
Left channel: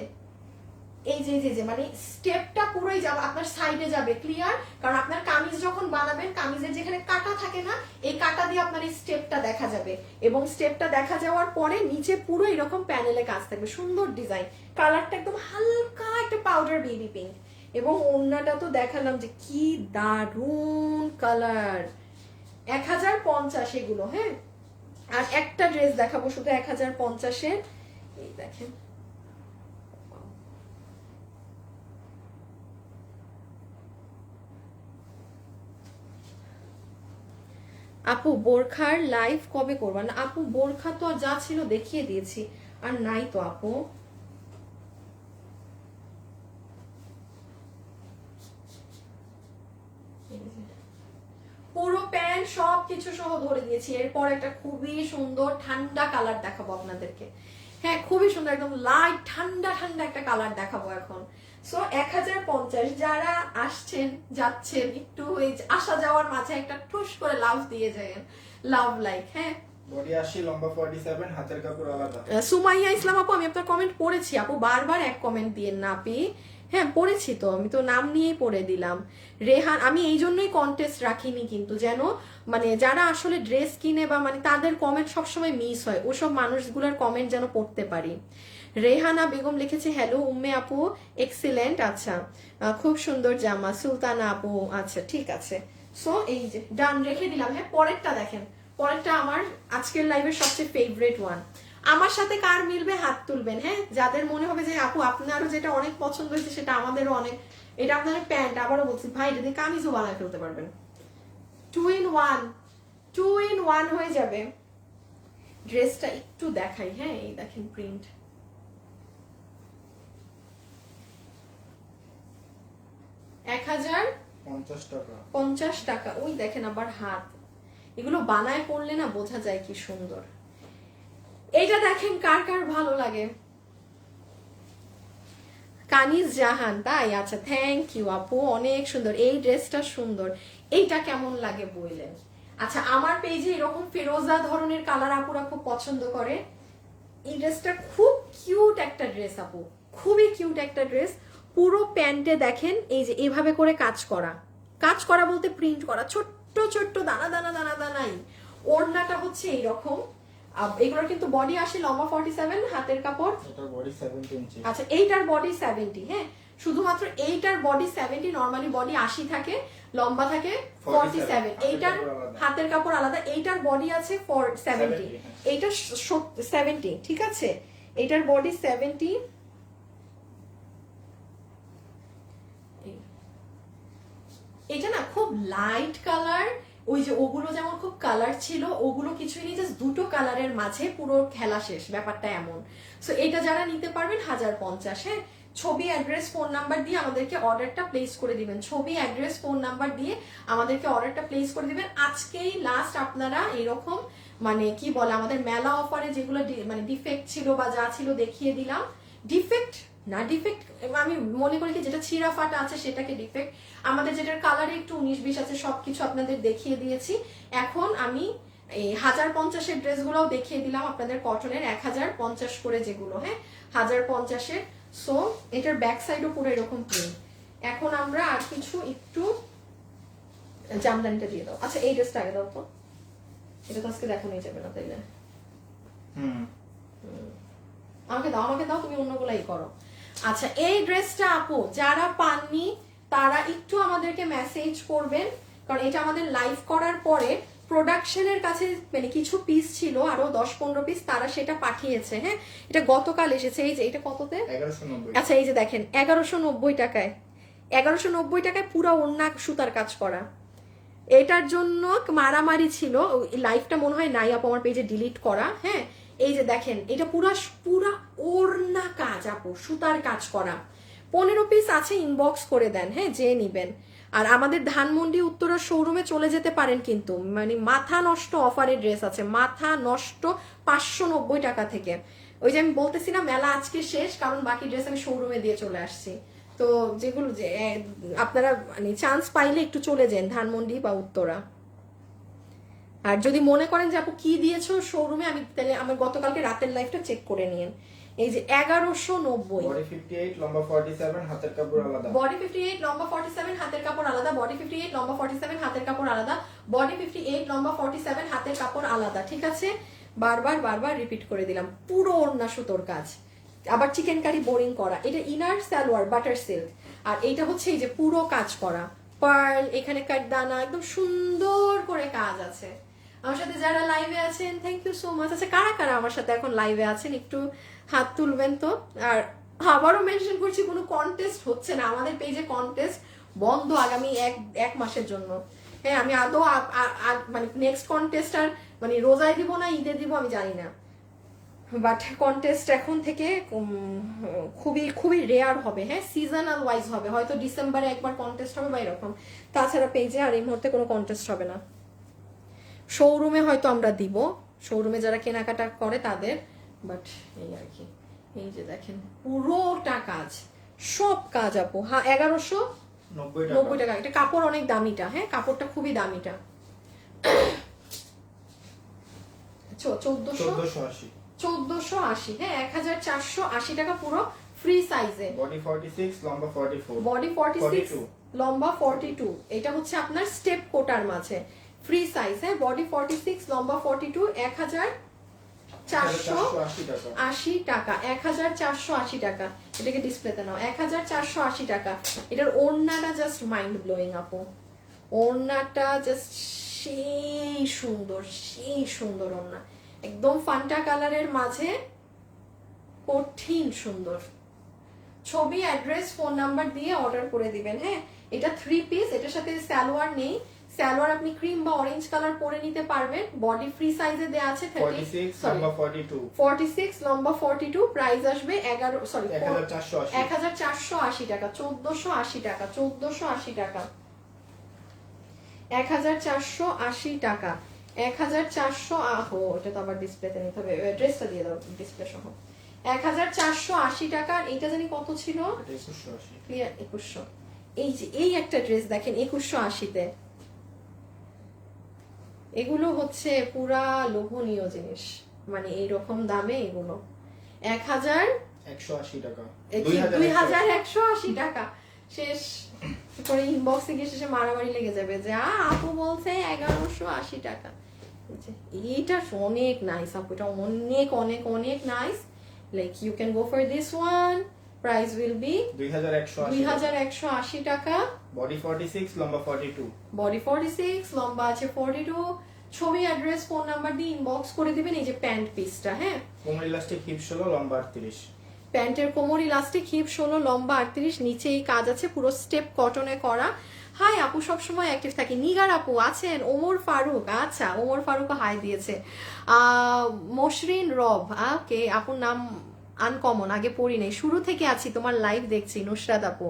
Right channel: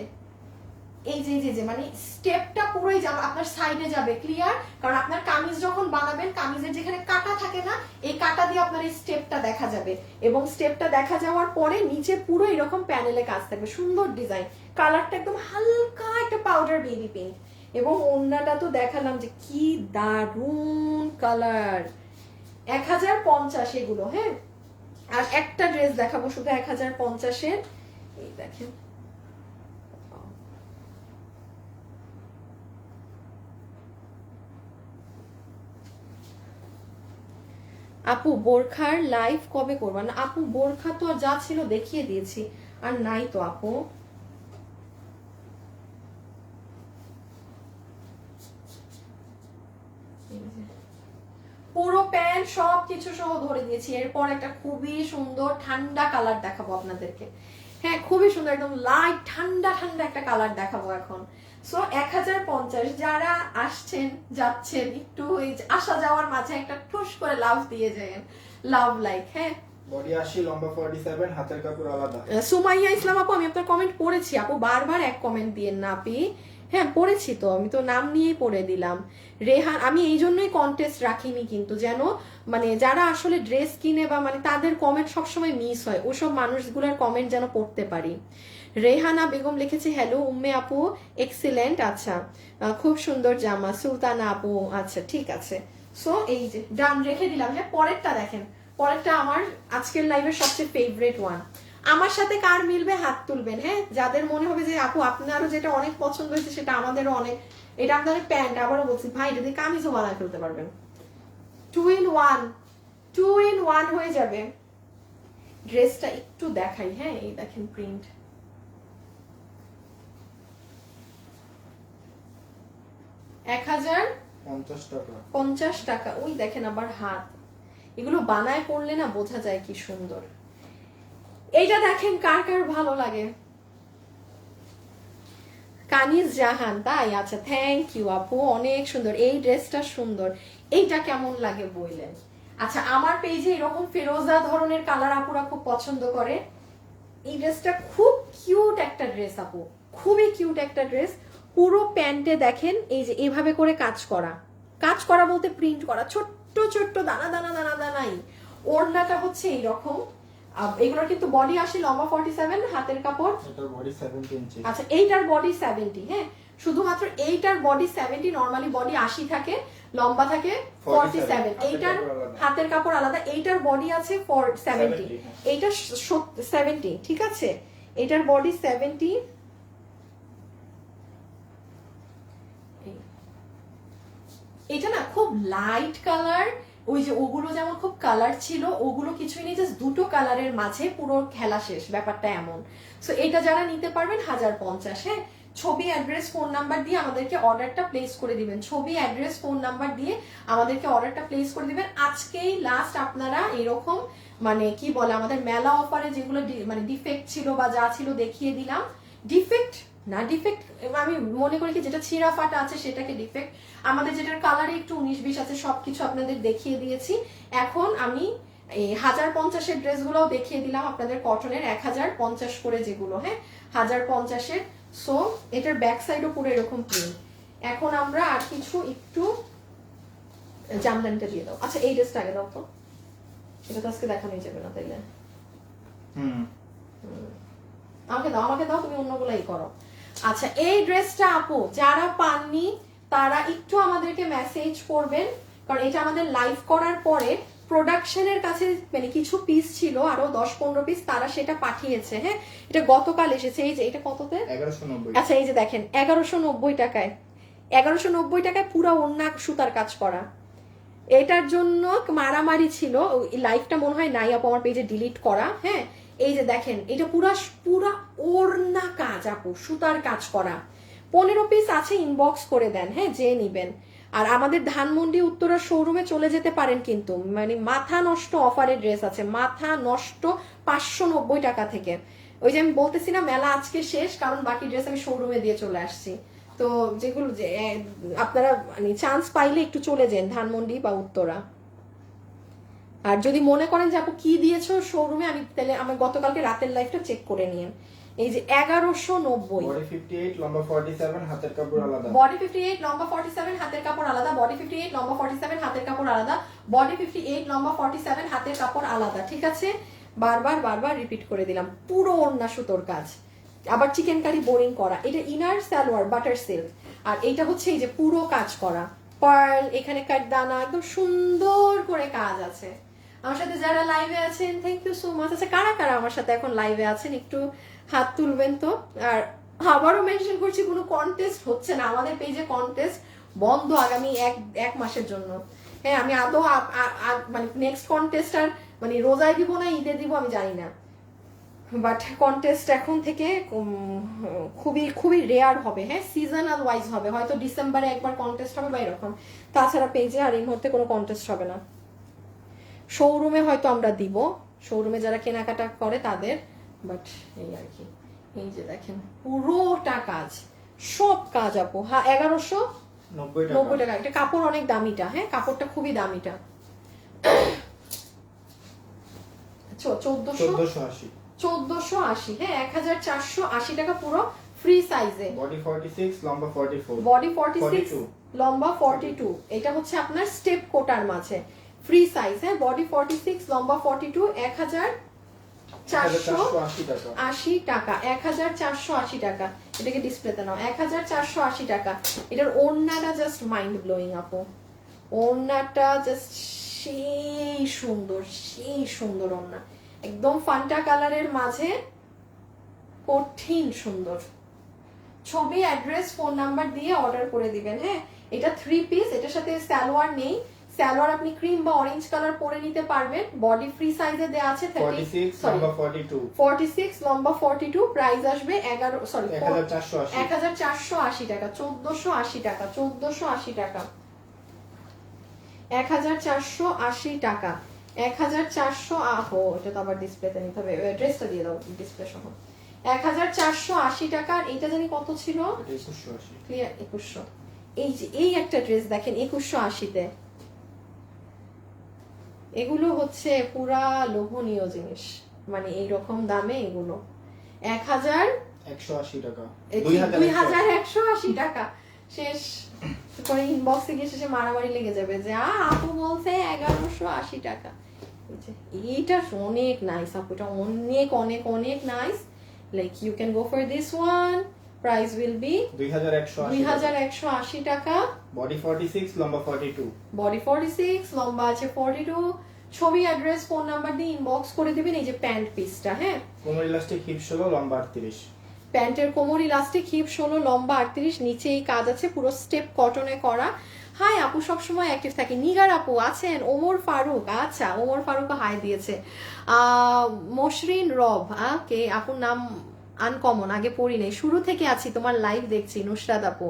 এই যে যে মানে স্টেপটা পুরোই যাবে আপনার সাইডে যাবে, ক্লিয়ার? কারণ আপনার কামিজ যখন বানাবেন, কামিজের যেখানে কাটা থাকে না, এই কাটা দিয়ে আপনার এই স্টেপটা দেখা যাবে, এবং স্টেপটা দেখা যাওয়ার পরে নিচে পুরো এরকম প্যানেলে কাজ থাকবে, সুন্দর ডিজাইন। কালারটা একদম হালকা একটা পাউডার বেবি পিঙ্ক, এবং ওড়নাটা তো দেখালাম যে কি দারুন কালার। 1050 এগুলো, হ্যাঁ। আর একটা ড্রেস দেখাবো শুধু 1050-এর, এই দেখেন আপু বোরখার লাইভ কবে করবা? না আপু বোরখা তো যা ছিল দেখিয়ে দিয়েছি, আর নাই তো আপু। পুরো প্যান্ট সব কিছু সহ ধরে দিয়েছি। এরপর একটা খুবই সুন্দর ঠান্ডা কালার দেখাবো আপনাদেরকে, হ্যাঁ খুবই সুন্দর একদম লাইট ঠান্ডা ঠান্ডা একটা কালার দেখাবো এখন। সো 1050, যারা আসছেন যাচ্ছেন একটু আসা যাওয়ার মাঝে একটা ঠুস করে লাভ দিয়ে যায়, লাভ লাইক, হ্যাঁ। বডি 80, লম্বা 47, হাতের কাপড় আলাদা। সুমাইয়া ইসলাম আপু, আমি আপনার কমেন্ট পড়েছি আপু, বারবার এক কমেন্ট দিয়ে না আপি, হ্যাঁ পড়েছি তো, আমি তো নাম নিয়েই পড়ে দিলাম। রেহান, আমি এই জন্যই কন্টেস্ট রাখিনি কিন্তু, যেন মানে যারা আসলে ড্রেস কিনে বা মানে তাদের কমেন্ট সবসময় মিস হয়, ওসব মানুষগুলোর কমেন্ট যেন পড়তে পারি। রেহানা বেগম লিখেছে হ্যালো উম্মে আপু এক্সিলেন্ট, আচ্ছা খুব সুন্দর জামা। সুলতানা আপু, আচ্ছা ঠিক আছে। সো এই যে ডান রেখে দিলাম, হ্যাঁ। পরেরটা দেখেন, পরেরটা আমার আজকের লাইভের সবচেয়ে ফেভারিট ওয়ান। আমার সাথে কার মিলবে হাত তুলবেন, হ্যাঁ। যাদের মনে হবে যে আপু আপনারও যেটা অনেক পছন্দ হয়েছে সেটা আমাদেরও অনেক, এটা আপনাদের প্যান্ট, আবারও বলছি ভাই যদি কামিজও বানায় ফেলতে পারবেন, 2 in 1, 2 in 1 হয়ে যাবে। ড্রেসটা একটু দেখাই, হ্যাঁ এই দেখেন প্রিন্ট, 1050 টাকা। ওই দেখেন আবার হাত, এগুলো বানায় পড়লে না বোঝা যায় কি সুন্দর। এইটা দেখেন কার কার ভালো লাগে। কানিজ জাহান, তাই আচ্ছা থ্যাংক ইউ আপু, অনেক সুন্দর এই ড্রেসটা, সুন্দর। এইটা কেমন লাগে বললেন? আচ্ছা আমার পেজে এরকম ফিরোজা ধরনের কালার আপুরা খুব পছন্দ করে। এই ড্রেসটা খুব কিউট একটা ড্রেস আপু, খুবই কিউট একটা ড্রেস। পুরো প্যান্টে দেখেন এই যে এইভাবে করে কাজ করা, কাজ করা বলতে প্রিন্ট করা, ছোট্ট ছোট্ট দানা দানা দানা দানাই। ওড়নাটা হচ্ছে এইরকম। এগুলো কিন্তু বডি আসে লম্বা 47, হাতের কাপড়, এটার বডি 70 ইঞ্চি। আচ্ছা এইটার বডি 70, হ্যাঁ শুধুমাত্র এইটার বডি 70, নরমালি বডি 80 থাকে, লম্বা থাকে 47। এইটার হাতের কাপড় আলাদা, এইটার বডি আছে 70, এইটা 70, ঠিক আছে। এইটার বডি 70, এটা না খুব লাইট কালার, ওই যে ওগুলো যেমন খুব কালার ছিল, ওগুলো কিছুই নেই, জাস্ট দুটো কালারের মাঝে পুরো খেলা শেষ, ব্যাপারটা এমন। সো এটা যারা নিতে পারবেন 1050, হ্যাঁ। ছবি অ্যাড্রেস ফোন নাম্বার দিয়ে আমাদেরকে অর্ডারটা প্লেস করে দিবেন, ছবি অ্যাড্রেস ফোন নাম্বার দিয়ে আমাদেরকে অর্ডারটা প্লেস করে দিবেন। আজকেই লাস্ট আপনারা এরকম মানে কি বলে আমাদের মেলা অফারে যেগুলো মানে ডিফেক্ট ছিল বা যা ছিল দেখিয়ে দিলাম। ডিফেক্ট না, ডিফেক্ট আমি মনে করি কি যেটা ছিঁড়া ফাটা আছে সেটাকে ডিফেক্ট, আমাদের যেটার কালারে একটু 19-20 আছে সবকিছু আপনাদের দেখিয়ে দিয়েছি। এখন আমি 1050-এর ড্রেসগুলোও দেখিয়ে দিলাম আপনাদের, কটনের 1050 করে যেগুলো, হ্যাঁ 1050-এর। সো এটার ব্যাক সাইডও পুরো এরকম প্রিন্ট। এখন আমরা আর কিছু একটু জামদানিটা দিয়ে দাও। আচ্ছা এই ড্রেসটা আগে দাও তো, এটা তো আজকে দেখানোই যাবে না তাইলে। আমাকে দাও তুমি অন্যগুলাই করো। আচ্ছা এই ড্রেসটা আপু যারা পাননি তারা একটু আমাদেরকে মেসেজ করবেন, কারণ এটা আমাদের লাইভ করার পরে প্রোডাকশনের কাছে মানে কিছু পিস ছিল আরো 10-15 পিস, তারা সেটা পাঠিয়েছে। হ্যাঁ, এটা গতকাল এসেছে। এই যে এটা কততে? 1190। আচ্ছা এই যে দেখেন 1190 টাকায়, 1190 টাকায় পুরো ওড়না সুতার কাজ করা। এটার জন্য মারামারি ছিল, লাইভটা মনে হয় নাই আপু আমার পেজে ডিলিট করা। হ্যাঁ, এই যে দেখেন এটা পুরা পুরা ওড়না কাজ আপু, সুতার কাজ করা। 15 পিস আছে, ইনবক্স করে দেন। হ্যাঁ, যে নিবেন। আর আমাদের ধানমন্ডি উত্তরা শোরুমে চলে যেতে পারেন, কিন্তু মানে মাথা নষ্ট অফারের ড্রেস আছে, মাথা নষ্ট 590 টাকা থেকে। ওই যে আমি বলতেছি না মেলা আজকে শেষ, কারণ বাকি ড্রেস আমি শোরুমে দিয়ে চলে আসছি। তো যেগুলো যে আপনারা মানে চান্স পাইলে একটু চলে যান ধানমন্ডি বা উত্তরা। আর যদি মনে করেন যে আপু কি দিয়েছো শোরুমে, আমি তাহলে আমার গতকালকে রাতের লাইফটা চেক করে নিন। এই যে 1190, বডি 58, লম্বা 47, হাতের কাপড় আলাদা। বডি 58, লম্বা 47, হাতের কাপড় আলাদা। বডি 58, লম্বা 47, হাতের কাপড় আলাদা। বডি 58, লম্বা 47, হাতের কাপড় আলাদা। ঠিক আছে, বারবার বারবার রিপিট করে দিলাম। পুরো ওড়না সুতোর কাজ, আবার চিকেন কারি বোরিং করা। এটা ইনার সালোয়ার বাটার সিল্ক, আর এইটা হচ্ছে এই যে পুরো কাজ করা পার্ল, এখানে কাটদানা, একদম সুন্দর করে কাজ আছে। আমার সাথে যারা লাইভে আছেন থ্যাংক ইউ সো মাচ। আচ্ছা কারা কারা আমার সাথে এখন লাইভে আছেন একটু হাত তুলবেন তো। আর আবারও মেনশন করছি, কোনো কন্টেস্ট হচ্ছে না আমাদের পেজে, কন্টেস্ট বন্ধ আগামী এক মাসের জন্য। হ্যাঁ, আমি আদৌ মানে নেক্সট কন্টেস্ট আর মানে রোজায় দিব না ঈদে দিব আমি জানি না, বাট কন্টেস্ট এখন থেকে খুবই খুবই রেয়ার হবে। হ্যাঁ, সিজনাল ওয়াইজ হবে, হয়তো ডিসেম্বরে একবার কন্টেস্ট হবে বা এরকম, তাছাড়া পেজে আর এই মুহূর্তে কোনো কন্টেস্ট হবে না। শোরুমে হয়তো আমরা দিব, শোরুমে যারা কেনাকাটা করে তাদের, বাট এই আর কি। এই যে দেখেন পুরোটা কাজ, সব কাজ আপু। হ্যাঁ, 1190 টাকা। এটা কাপড় অনেক দামিটা। হ্যাঁ, কাপড়টা খুবই দামিটা। 1480। হ্যাঁ, 1480 টাকা পুরো ফ্রি সাইজে। বডি 46, লম্বা 44। বডি 46, লম্বা 42। এটা হচ্ছে আপনার স্টেপ কোটার মাঝে ফ্রি সাইজ। হ্যাঁ, বডি 46, লম্বা 42, 1480 টাকা। 1480 টাকা। এটাকে ডিসপ্লেতে নাও। 1480 টাকা। এটার ওড়নাটা জাস্ট মাইন্ড ব্লোয়িং আপু, ওড়নাটা জাস্ট সেই সুন্দর, সেই সুন্দর ওড়না, একদম ফান্টা কালারের মাঝে কঠিন সুন্দর। ছবি, অ্যাড্রেস, ফোন নাম্বার দিয়ে অর্ডার করে দিবেন। হ্যাঁ, এটা 3 পিস, এটার সাথে সালোয়ার নেই। সালোয়ার আপনি ক্রিম বা অরেঞ্জ কালার পরে নিতে পারবেন। বডি ফ্রি সাইজে দেয়া আছে 46, লম্বা 42। 46, লম্বা 42। প্রাইস আসবে 1480। 1480 টাকা। 1480 টাকা। 1480 টাকা। 1480 টাকা। 1400 আহো, এটা তো আবার ডিসপ্লেতে নিতে হবে, ড্রেসটা দিয়ে দাও ডিসপ্লে সহ। 1480 টাকা। এটা জানি কত ছিল, 2180। ক্লিয়ার 2100। এই যে এই একটা ড্রেস দেখেন 2180-তে, এগুলো হচ্ছে পুরা লোভনীয় জিনিস, মানে এইরকম দামে এগুলো 180 টাকা। 2180 টাকা। শেষ করে ইনবক্সে গিয়ে শেষে মারামারি লেগে যাবে যে আপু বলছে 1180 টাকা। এইটা অনেক নাইস আপু, এটা অনেক অনেক অনেক nice. Like you can go for this one. Price will be 2180 টাকা। বডি 46, লম্বা 42। বডি 46, লম্বা আছে 42। ছবি, অ্যাড্রেস, ফোন নাম্বার দিয়ে ইনবক্স করে দিবেন। এই যে প্যান্ট পিসটা, হ্যাঁ, কোমর ইলাস্টিক, হিপ 16, লম্বা 38। প্যান্টের কোমর ইলাস্টিক, হিপ 16, লম্বা 38। নিচে এই কাজ আছে, পুরো স্টেপ কটনে করা। হাই আপু, সবসময় অ্যাক্টিভ থাকি। নিগার আপু আছেন, ওমর ফারুক, আচ্ছা ওমর ফারুক হাই দিয়েছে। মসরিন রব, কে আপুর নাম আনকমন, আগে পড়ি নেই, শুরু থেকে আছি তোমার লাইভ দেখছি। নুসরাত আপু,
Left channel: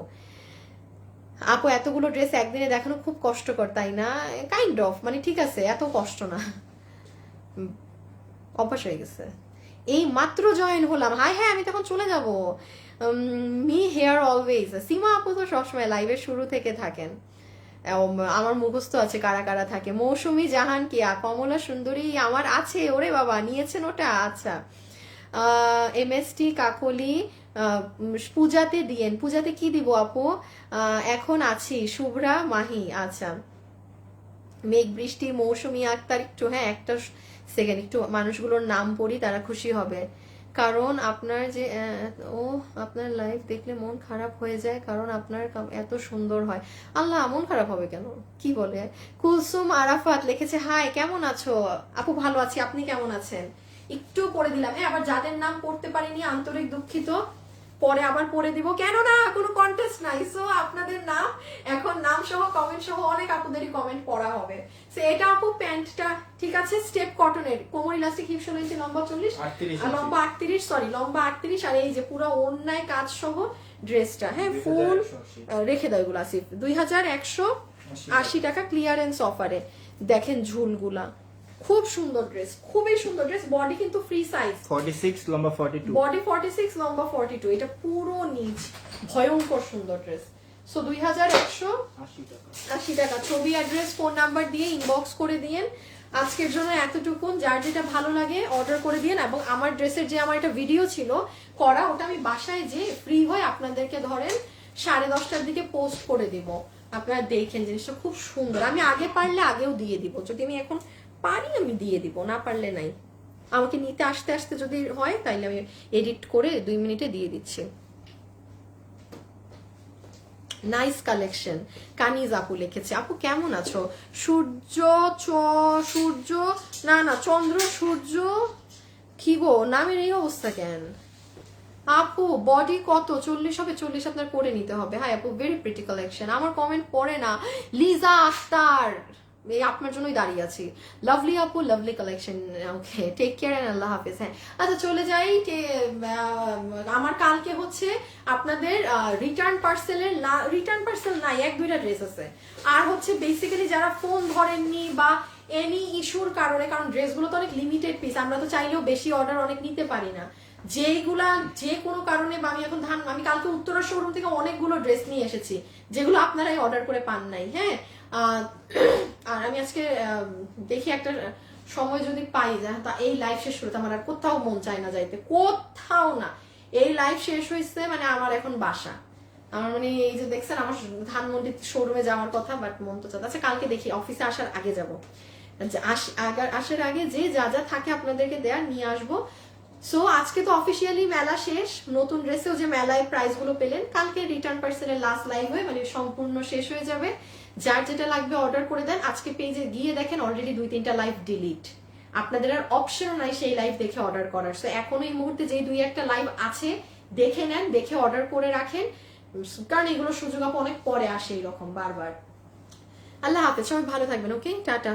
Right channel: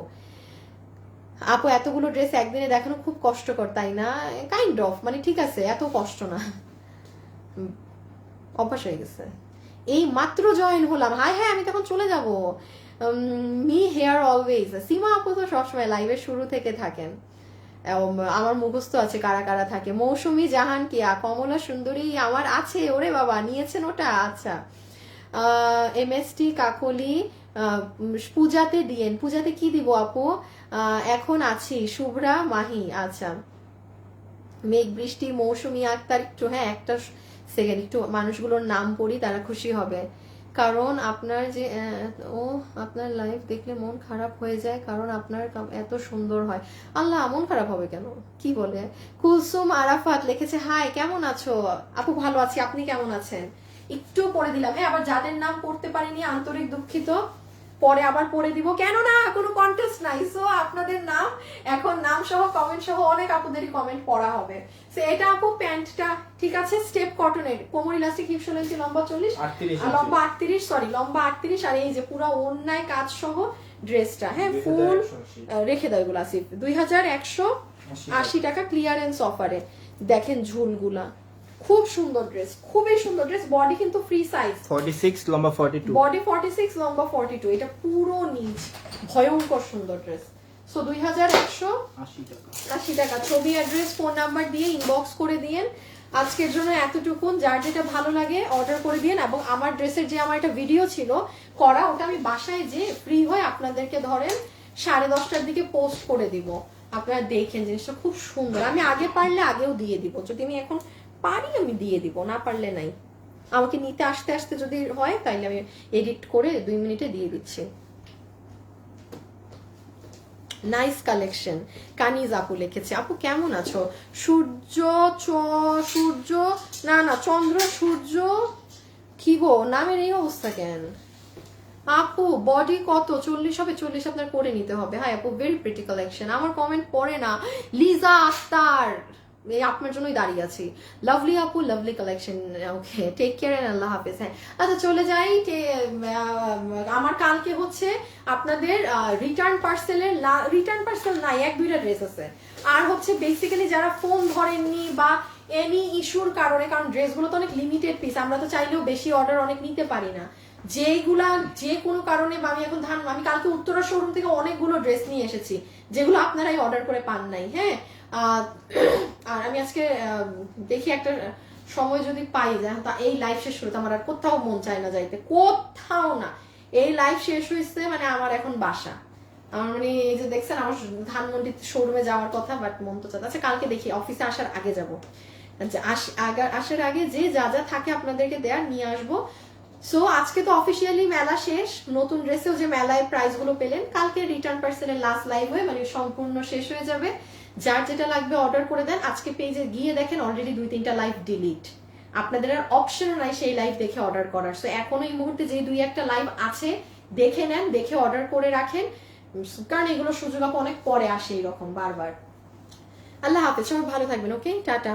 আপু এতগুলো ড্রেস একদিনে দেখানো খুব কষ্টকর তাই না? কাইন্ড অফ, মানে ঠিক আছে, এত কষ্ট না, অভ্যাস হয়ে গেছে। এই মাত্র জয়েন হলাম। হাই, হ্যাঁ আমি তখন চলে যাব। Me hair always. সীমা আপু তো সবসময় লাইভের শুরু থেকে থাকেন, আমার মুখস্থ আছে কারা কারা থাকে। মৌসুমী জাহান, কিয়া, কমলা সুন্দরী আমার আছে। ওরে বাবা, নিয়েছেন ওটা? আচ্ছা। MST কাকলি, পূজাতে দিয়েন। পূজাতে কি দিব আপু? এখন আছি। শুভ্রা মাহি, আচ্ছা। মেঘ বৃষ্টি, মৌসুমী আক্তার, একটু হ্যাঁ একটা সেকেন্ড, একটু মানুষগুলোর নাম পড়ি, তারা খুশি হবে। কারণ আপনার যে আপনার লাইফ দেখলে মন খারাপ হয়ে যায়, কারণ আপনার এত সুন্দর হয়। আল্লাহ, মন খারাপ হবে কেন? কি বলে? কুলসুম আরাফাত লিখেছে, হাই কেমন আছো আপু? ভালো আছি, আপনি কেমন আছেন? একটু পড়ে দিলাম, হ্যাঁ। আবার যাদের নাম পড়তে পারিনি আন্তরিক দুঃখিত, পরে আবার পড়ে দিব। কেন না, কোনো কন্টেস্ট নাই, সো আপনাদের নাম এখন নাম সহ কমেন্ট সহ অনেক আপুদেরই কমেন্ট পড়া হবে। সো এটা আপু প্যান্টটা ঠিক আছে, স্টেপ কটনের, কোমর ইলাস্টিক, হিপ শোল লম্বা 40 আর লম্বা 38, সরি লম্বা 38, আর এই যে পুরো ওড়নায় কাজ সহ ড্রেসটা, হ্যাঁ ফুল রেখে দেয় এগুলো আসিফ। 2180 টাকা ক্লিয়ারেন্স অফারে। দেখেন ঝুলগুলা, খুব সুন্দর ড্রেস, খুবই সুন্দর ড্রেস। বডি কিন্তু ফ্রি সাইজ, 46 লম্বা 42, বডি 46 লম্বা 42, এটা পুরো নিচ, ভয়ঙ্কর সুন্দর ড্রেস। সো 2180 টাকা। ছবি, অ্যাড্রেস, ফোন নাম্বার দিয়ে ইনবক্স করে দিয়েন। আজকের জন্য এতটুকুন, যার যেটা ভালো লাগে অর্ডার করে দিয়েন। এবং আমার ড্রেসের যে আমার একটা ভিডিও ছিল করা, ওটা আমি বাসায় যে ফ্রি হয়ে আপনাদেরকে ধরেন 10:30টার দিকে পোস্ট করে দিব। আপনারা দেখেন, জিনিসটা খুব সুন্দর। আমি আগে পারলে আগেও দিয়ে দিব, যদি আমি এখন পারি আমি দিয়ে দিব, না পারলে নাই। আমাকে নিতে আসতে আসতে যদি হয় তাহলে আমি এডিট করে 2 মিনিটে দিয়ে দিচ্ছি। Nice collection. কানিজ আপু লিখেছে, আপু কেমন আছো? সূর্য না চন্দ্র সূর্য, কি গো নামের এই অবস্থা কেন? আপু বডি কত? 40 হবে, 40 আপনার করে নিতে হবে। হ্যাঁ আপু, ভেরি প্রিটি কালেকশন। আমার কমেন্ট পড়ে না। লিজা আক্তার, এই আপনার জন্যই দাঁড়িয়ে আছি। লাভলি আপু, lovely collection. Okay, take care and আল্লাহ হাফেজ। হ্যাঁ আচ্ছা, চলে যাই। আমার কালকে হচ্ছে আপনাদের রিটার্ন পার্সেল নাই, 1-2টা ড্রেস আছে। আর হচ্ছে বেসিক্যালি যারা ফোন ধরেননি বা এনি ইস্যুর কারণে, কারণ ড্রেসগুলো তো অনেক লিমিটেড পিস, আমরা তো চাইলেও বেশি অর্ডার অনেক নিতে পারি না, যেগুলা যে কোনো কারণে, বা আমি এখন আমি কালকে উত্তরা শোরুম থেকে অনেকগুলো ড্রেস নিয়ে এসেছি যেগুলো আপনারাই অর্ডার করে পান নাই। হ্যাঁ, আর আমি আজকে দেখি একটা সময় যদি পাই, এই লাইফ শেষ করতে আমার আর কোথাও মন চায় না যাইতে, কোথাও না। এই লাইফ শেষ হয়েছে মানে আমার এখন বাসা, আমার মানে এই যে দেখছেন আমার ধানমন্ডি শোরুমে যাওয়ার কথা, বাট মন তো চাচ্ছে। আচ্ছা কালকে দেখি, অফিসে আসার আগে যাবো, আসার আগে যে যা যা থাকে আপনাদেরকে দেয়ার নিয়ে আসবো। সো আজকে তো অফিসিয়ালি মেলা শেষ, নতুন ড্রেসেও যে মেলায় প্রাইস গুলো পেলেন, কালকে রিটার্ন পার্সেলের লাস্ট লাইভ হয়ে মানে সম্পূর্ণ শেষ হয়ে যাবে। যার যেটা লাগবে অর্ডার করে দেন। আজকে পেজে গিয়ে দেখেন অলরেডি 2-3টা লাইভ ডিলিট, আপনাদের আর অপশন নাই সেই লাইভ দেখে অর্ডার করার। সো এখন এই মুহূর্তে যে 2-1টা লাইভ আছে দেখে নেন, দেখে অর্ডার করে রাখেন, কারণ এগুলো সুযোগ অনেক পরে আসে এরকম বারবার। আল্লাহ হাফেজ, সবাই ভালো থাকবেন। ওকে, টাটা।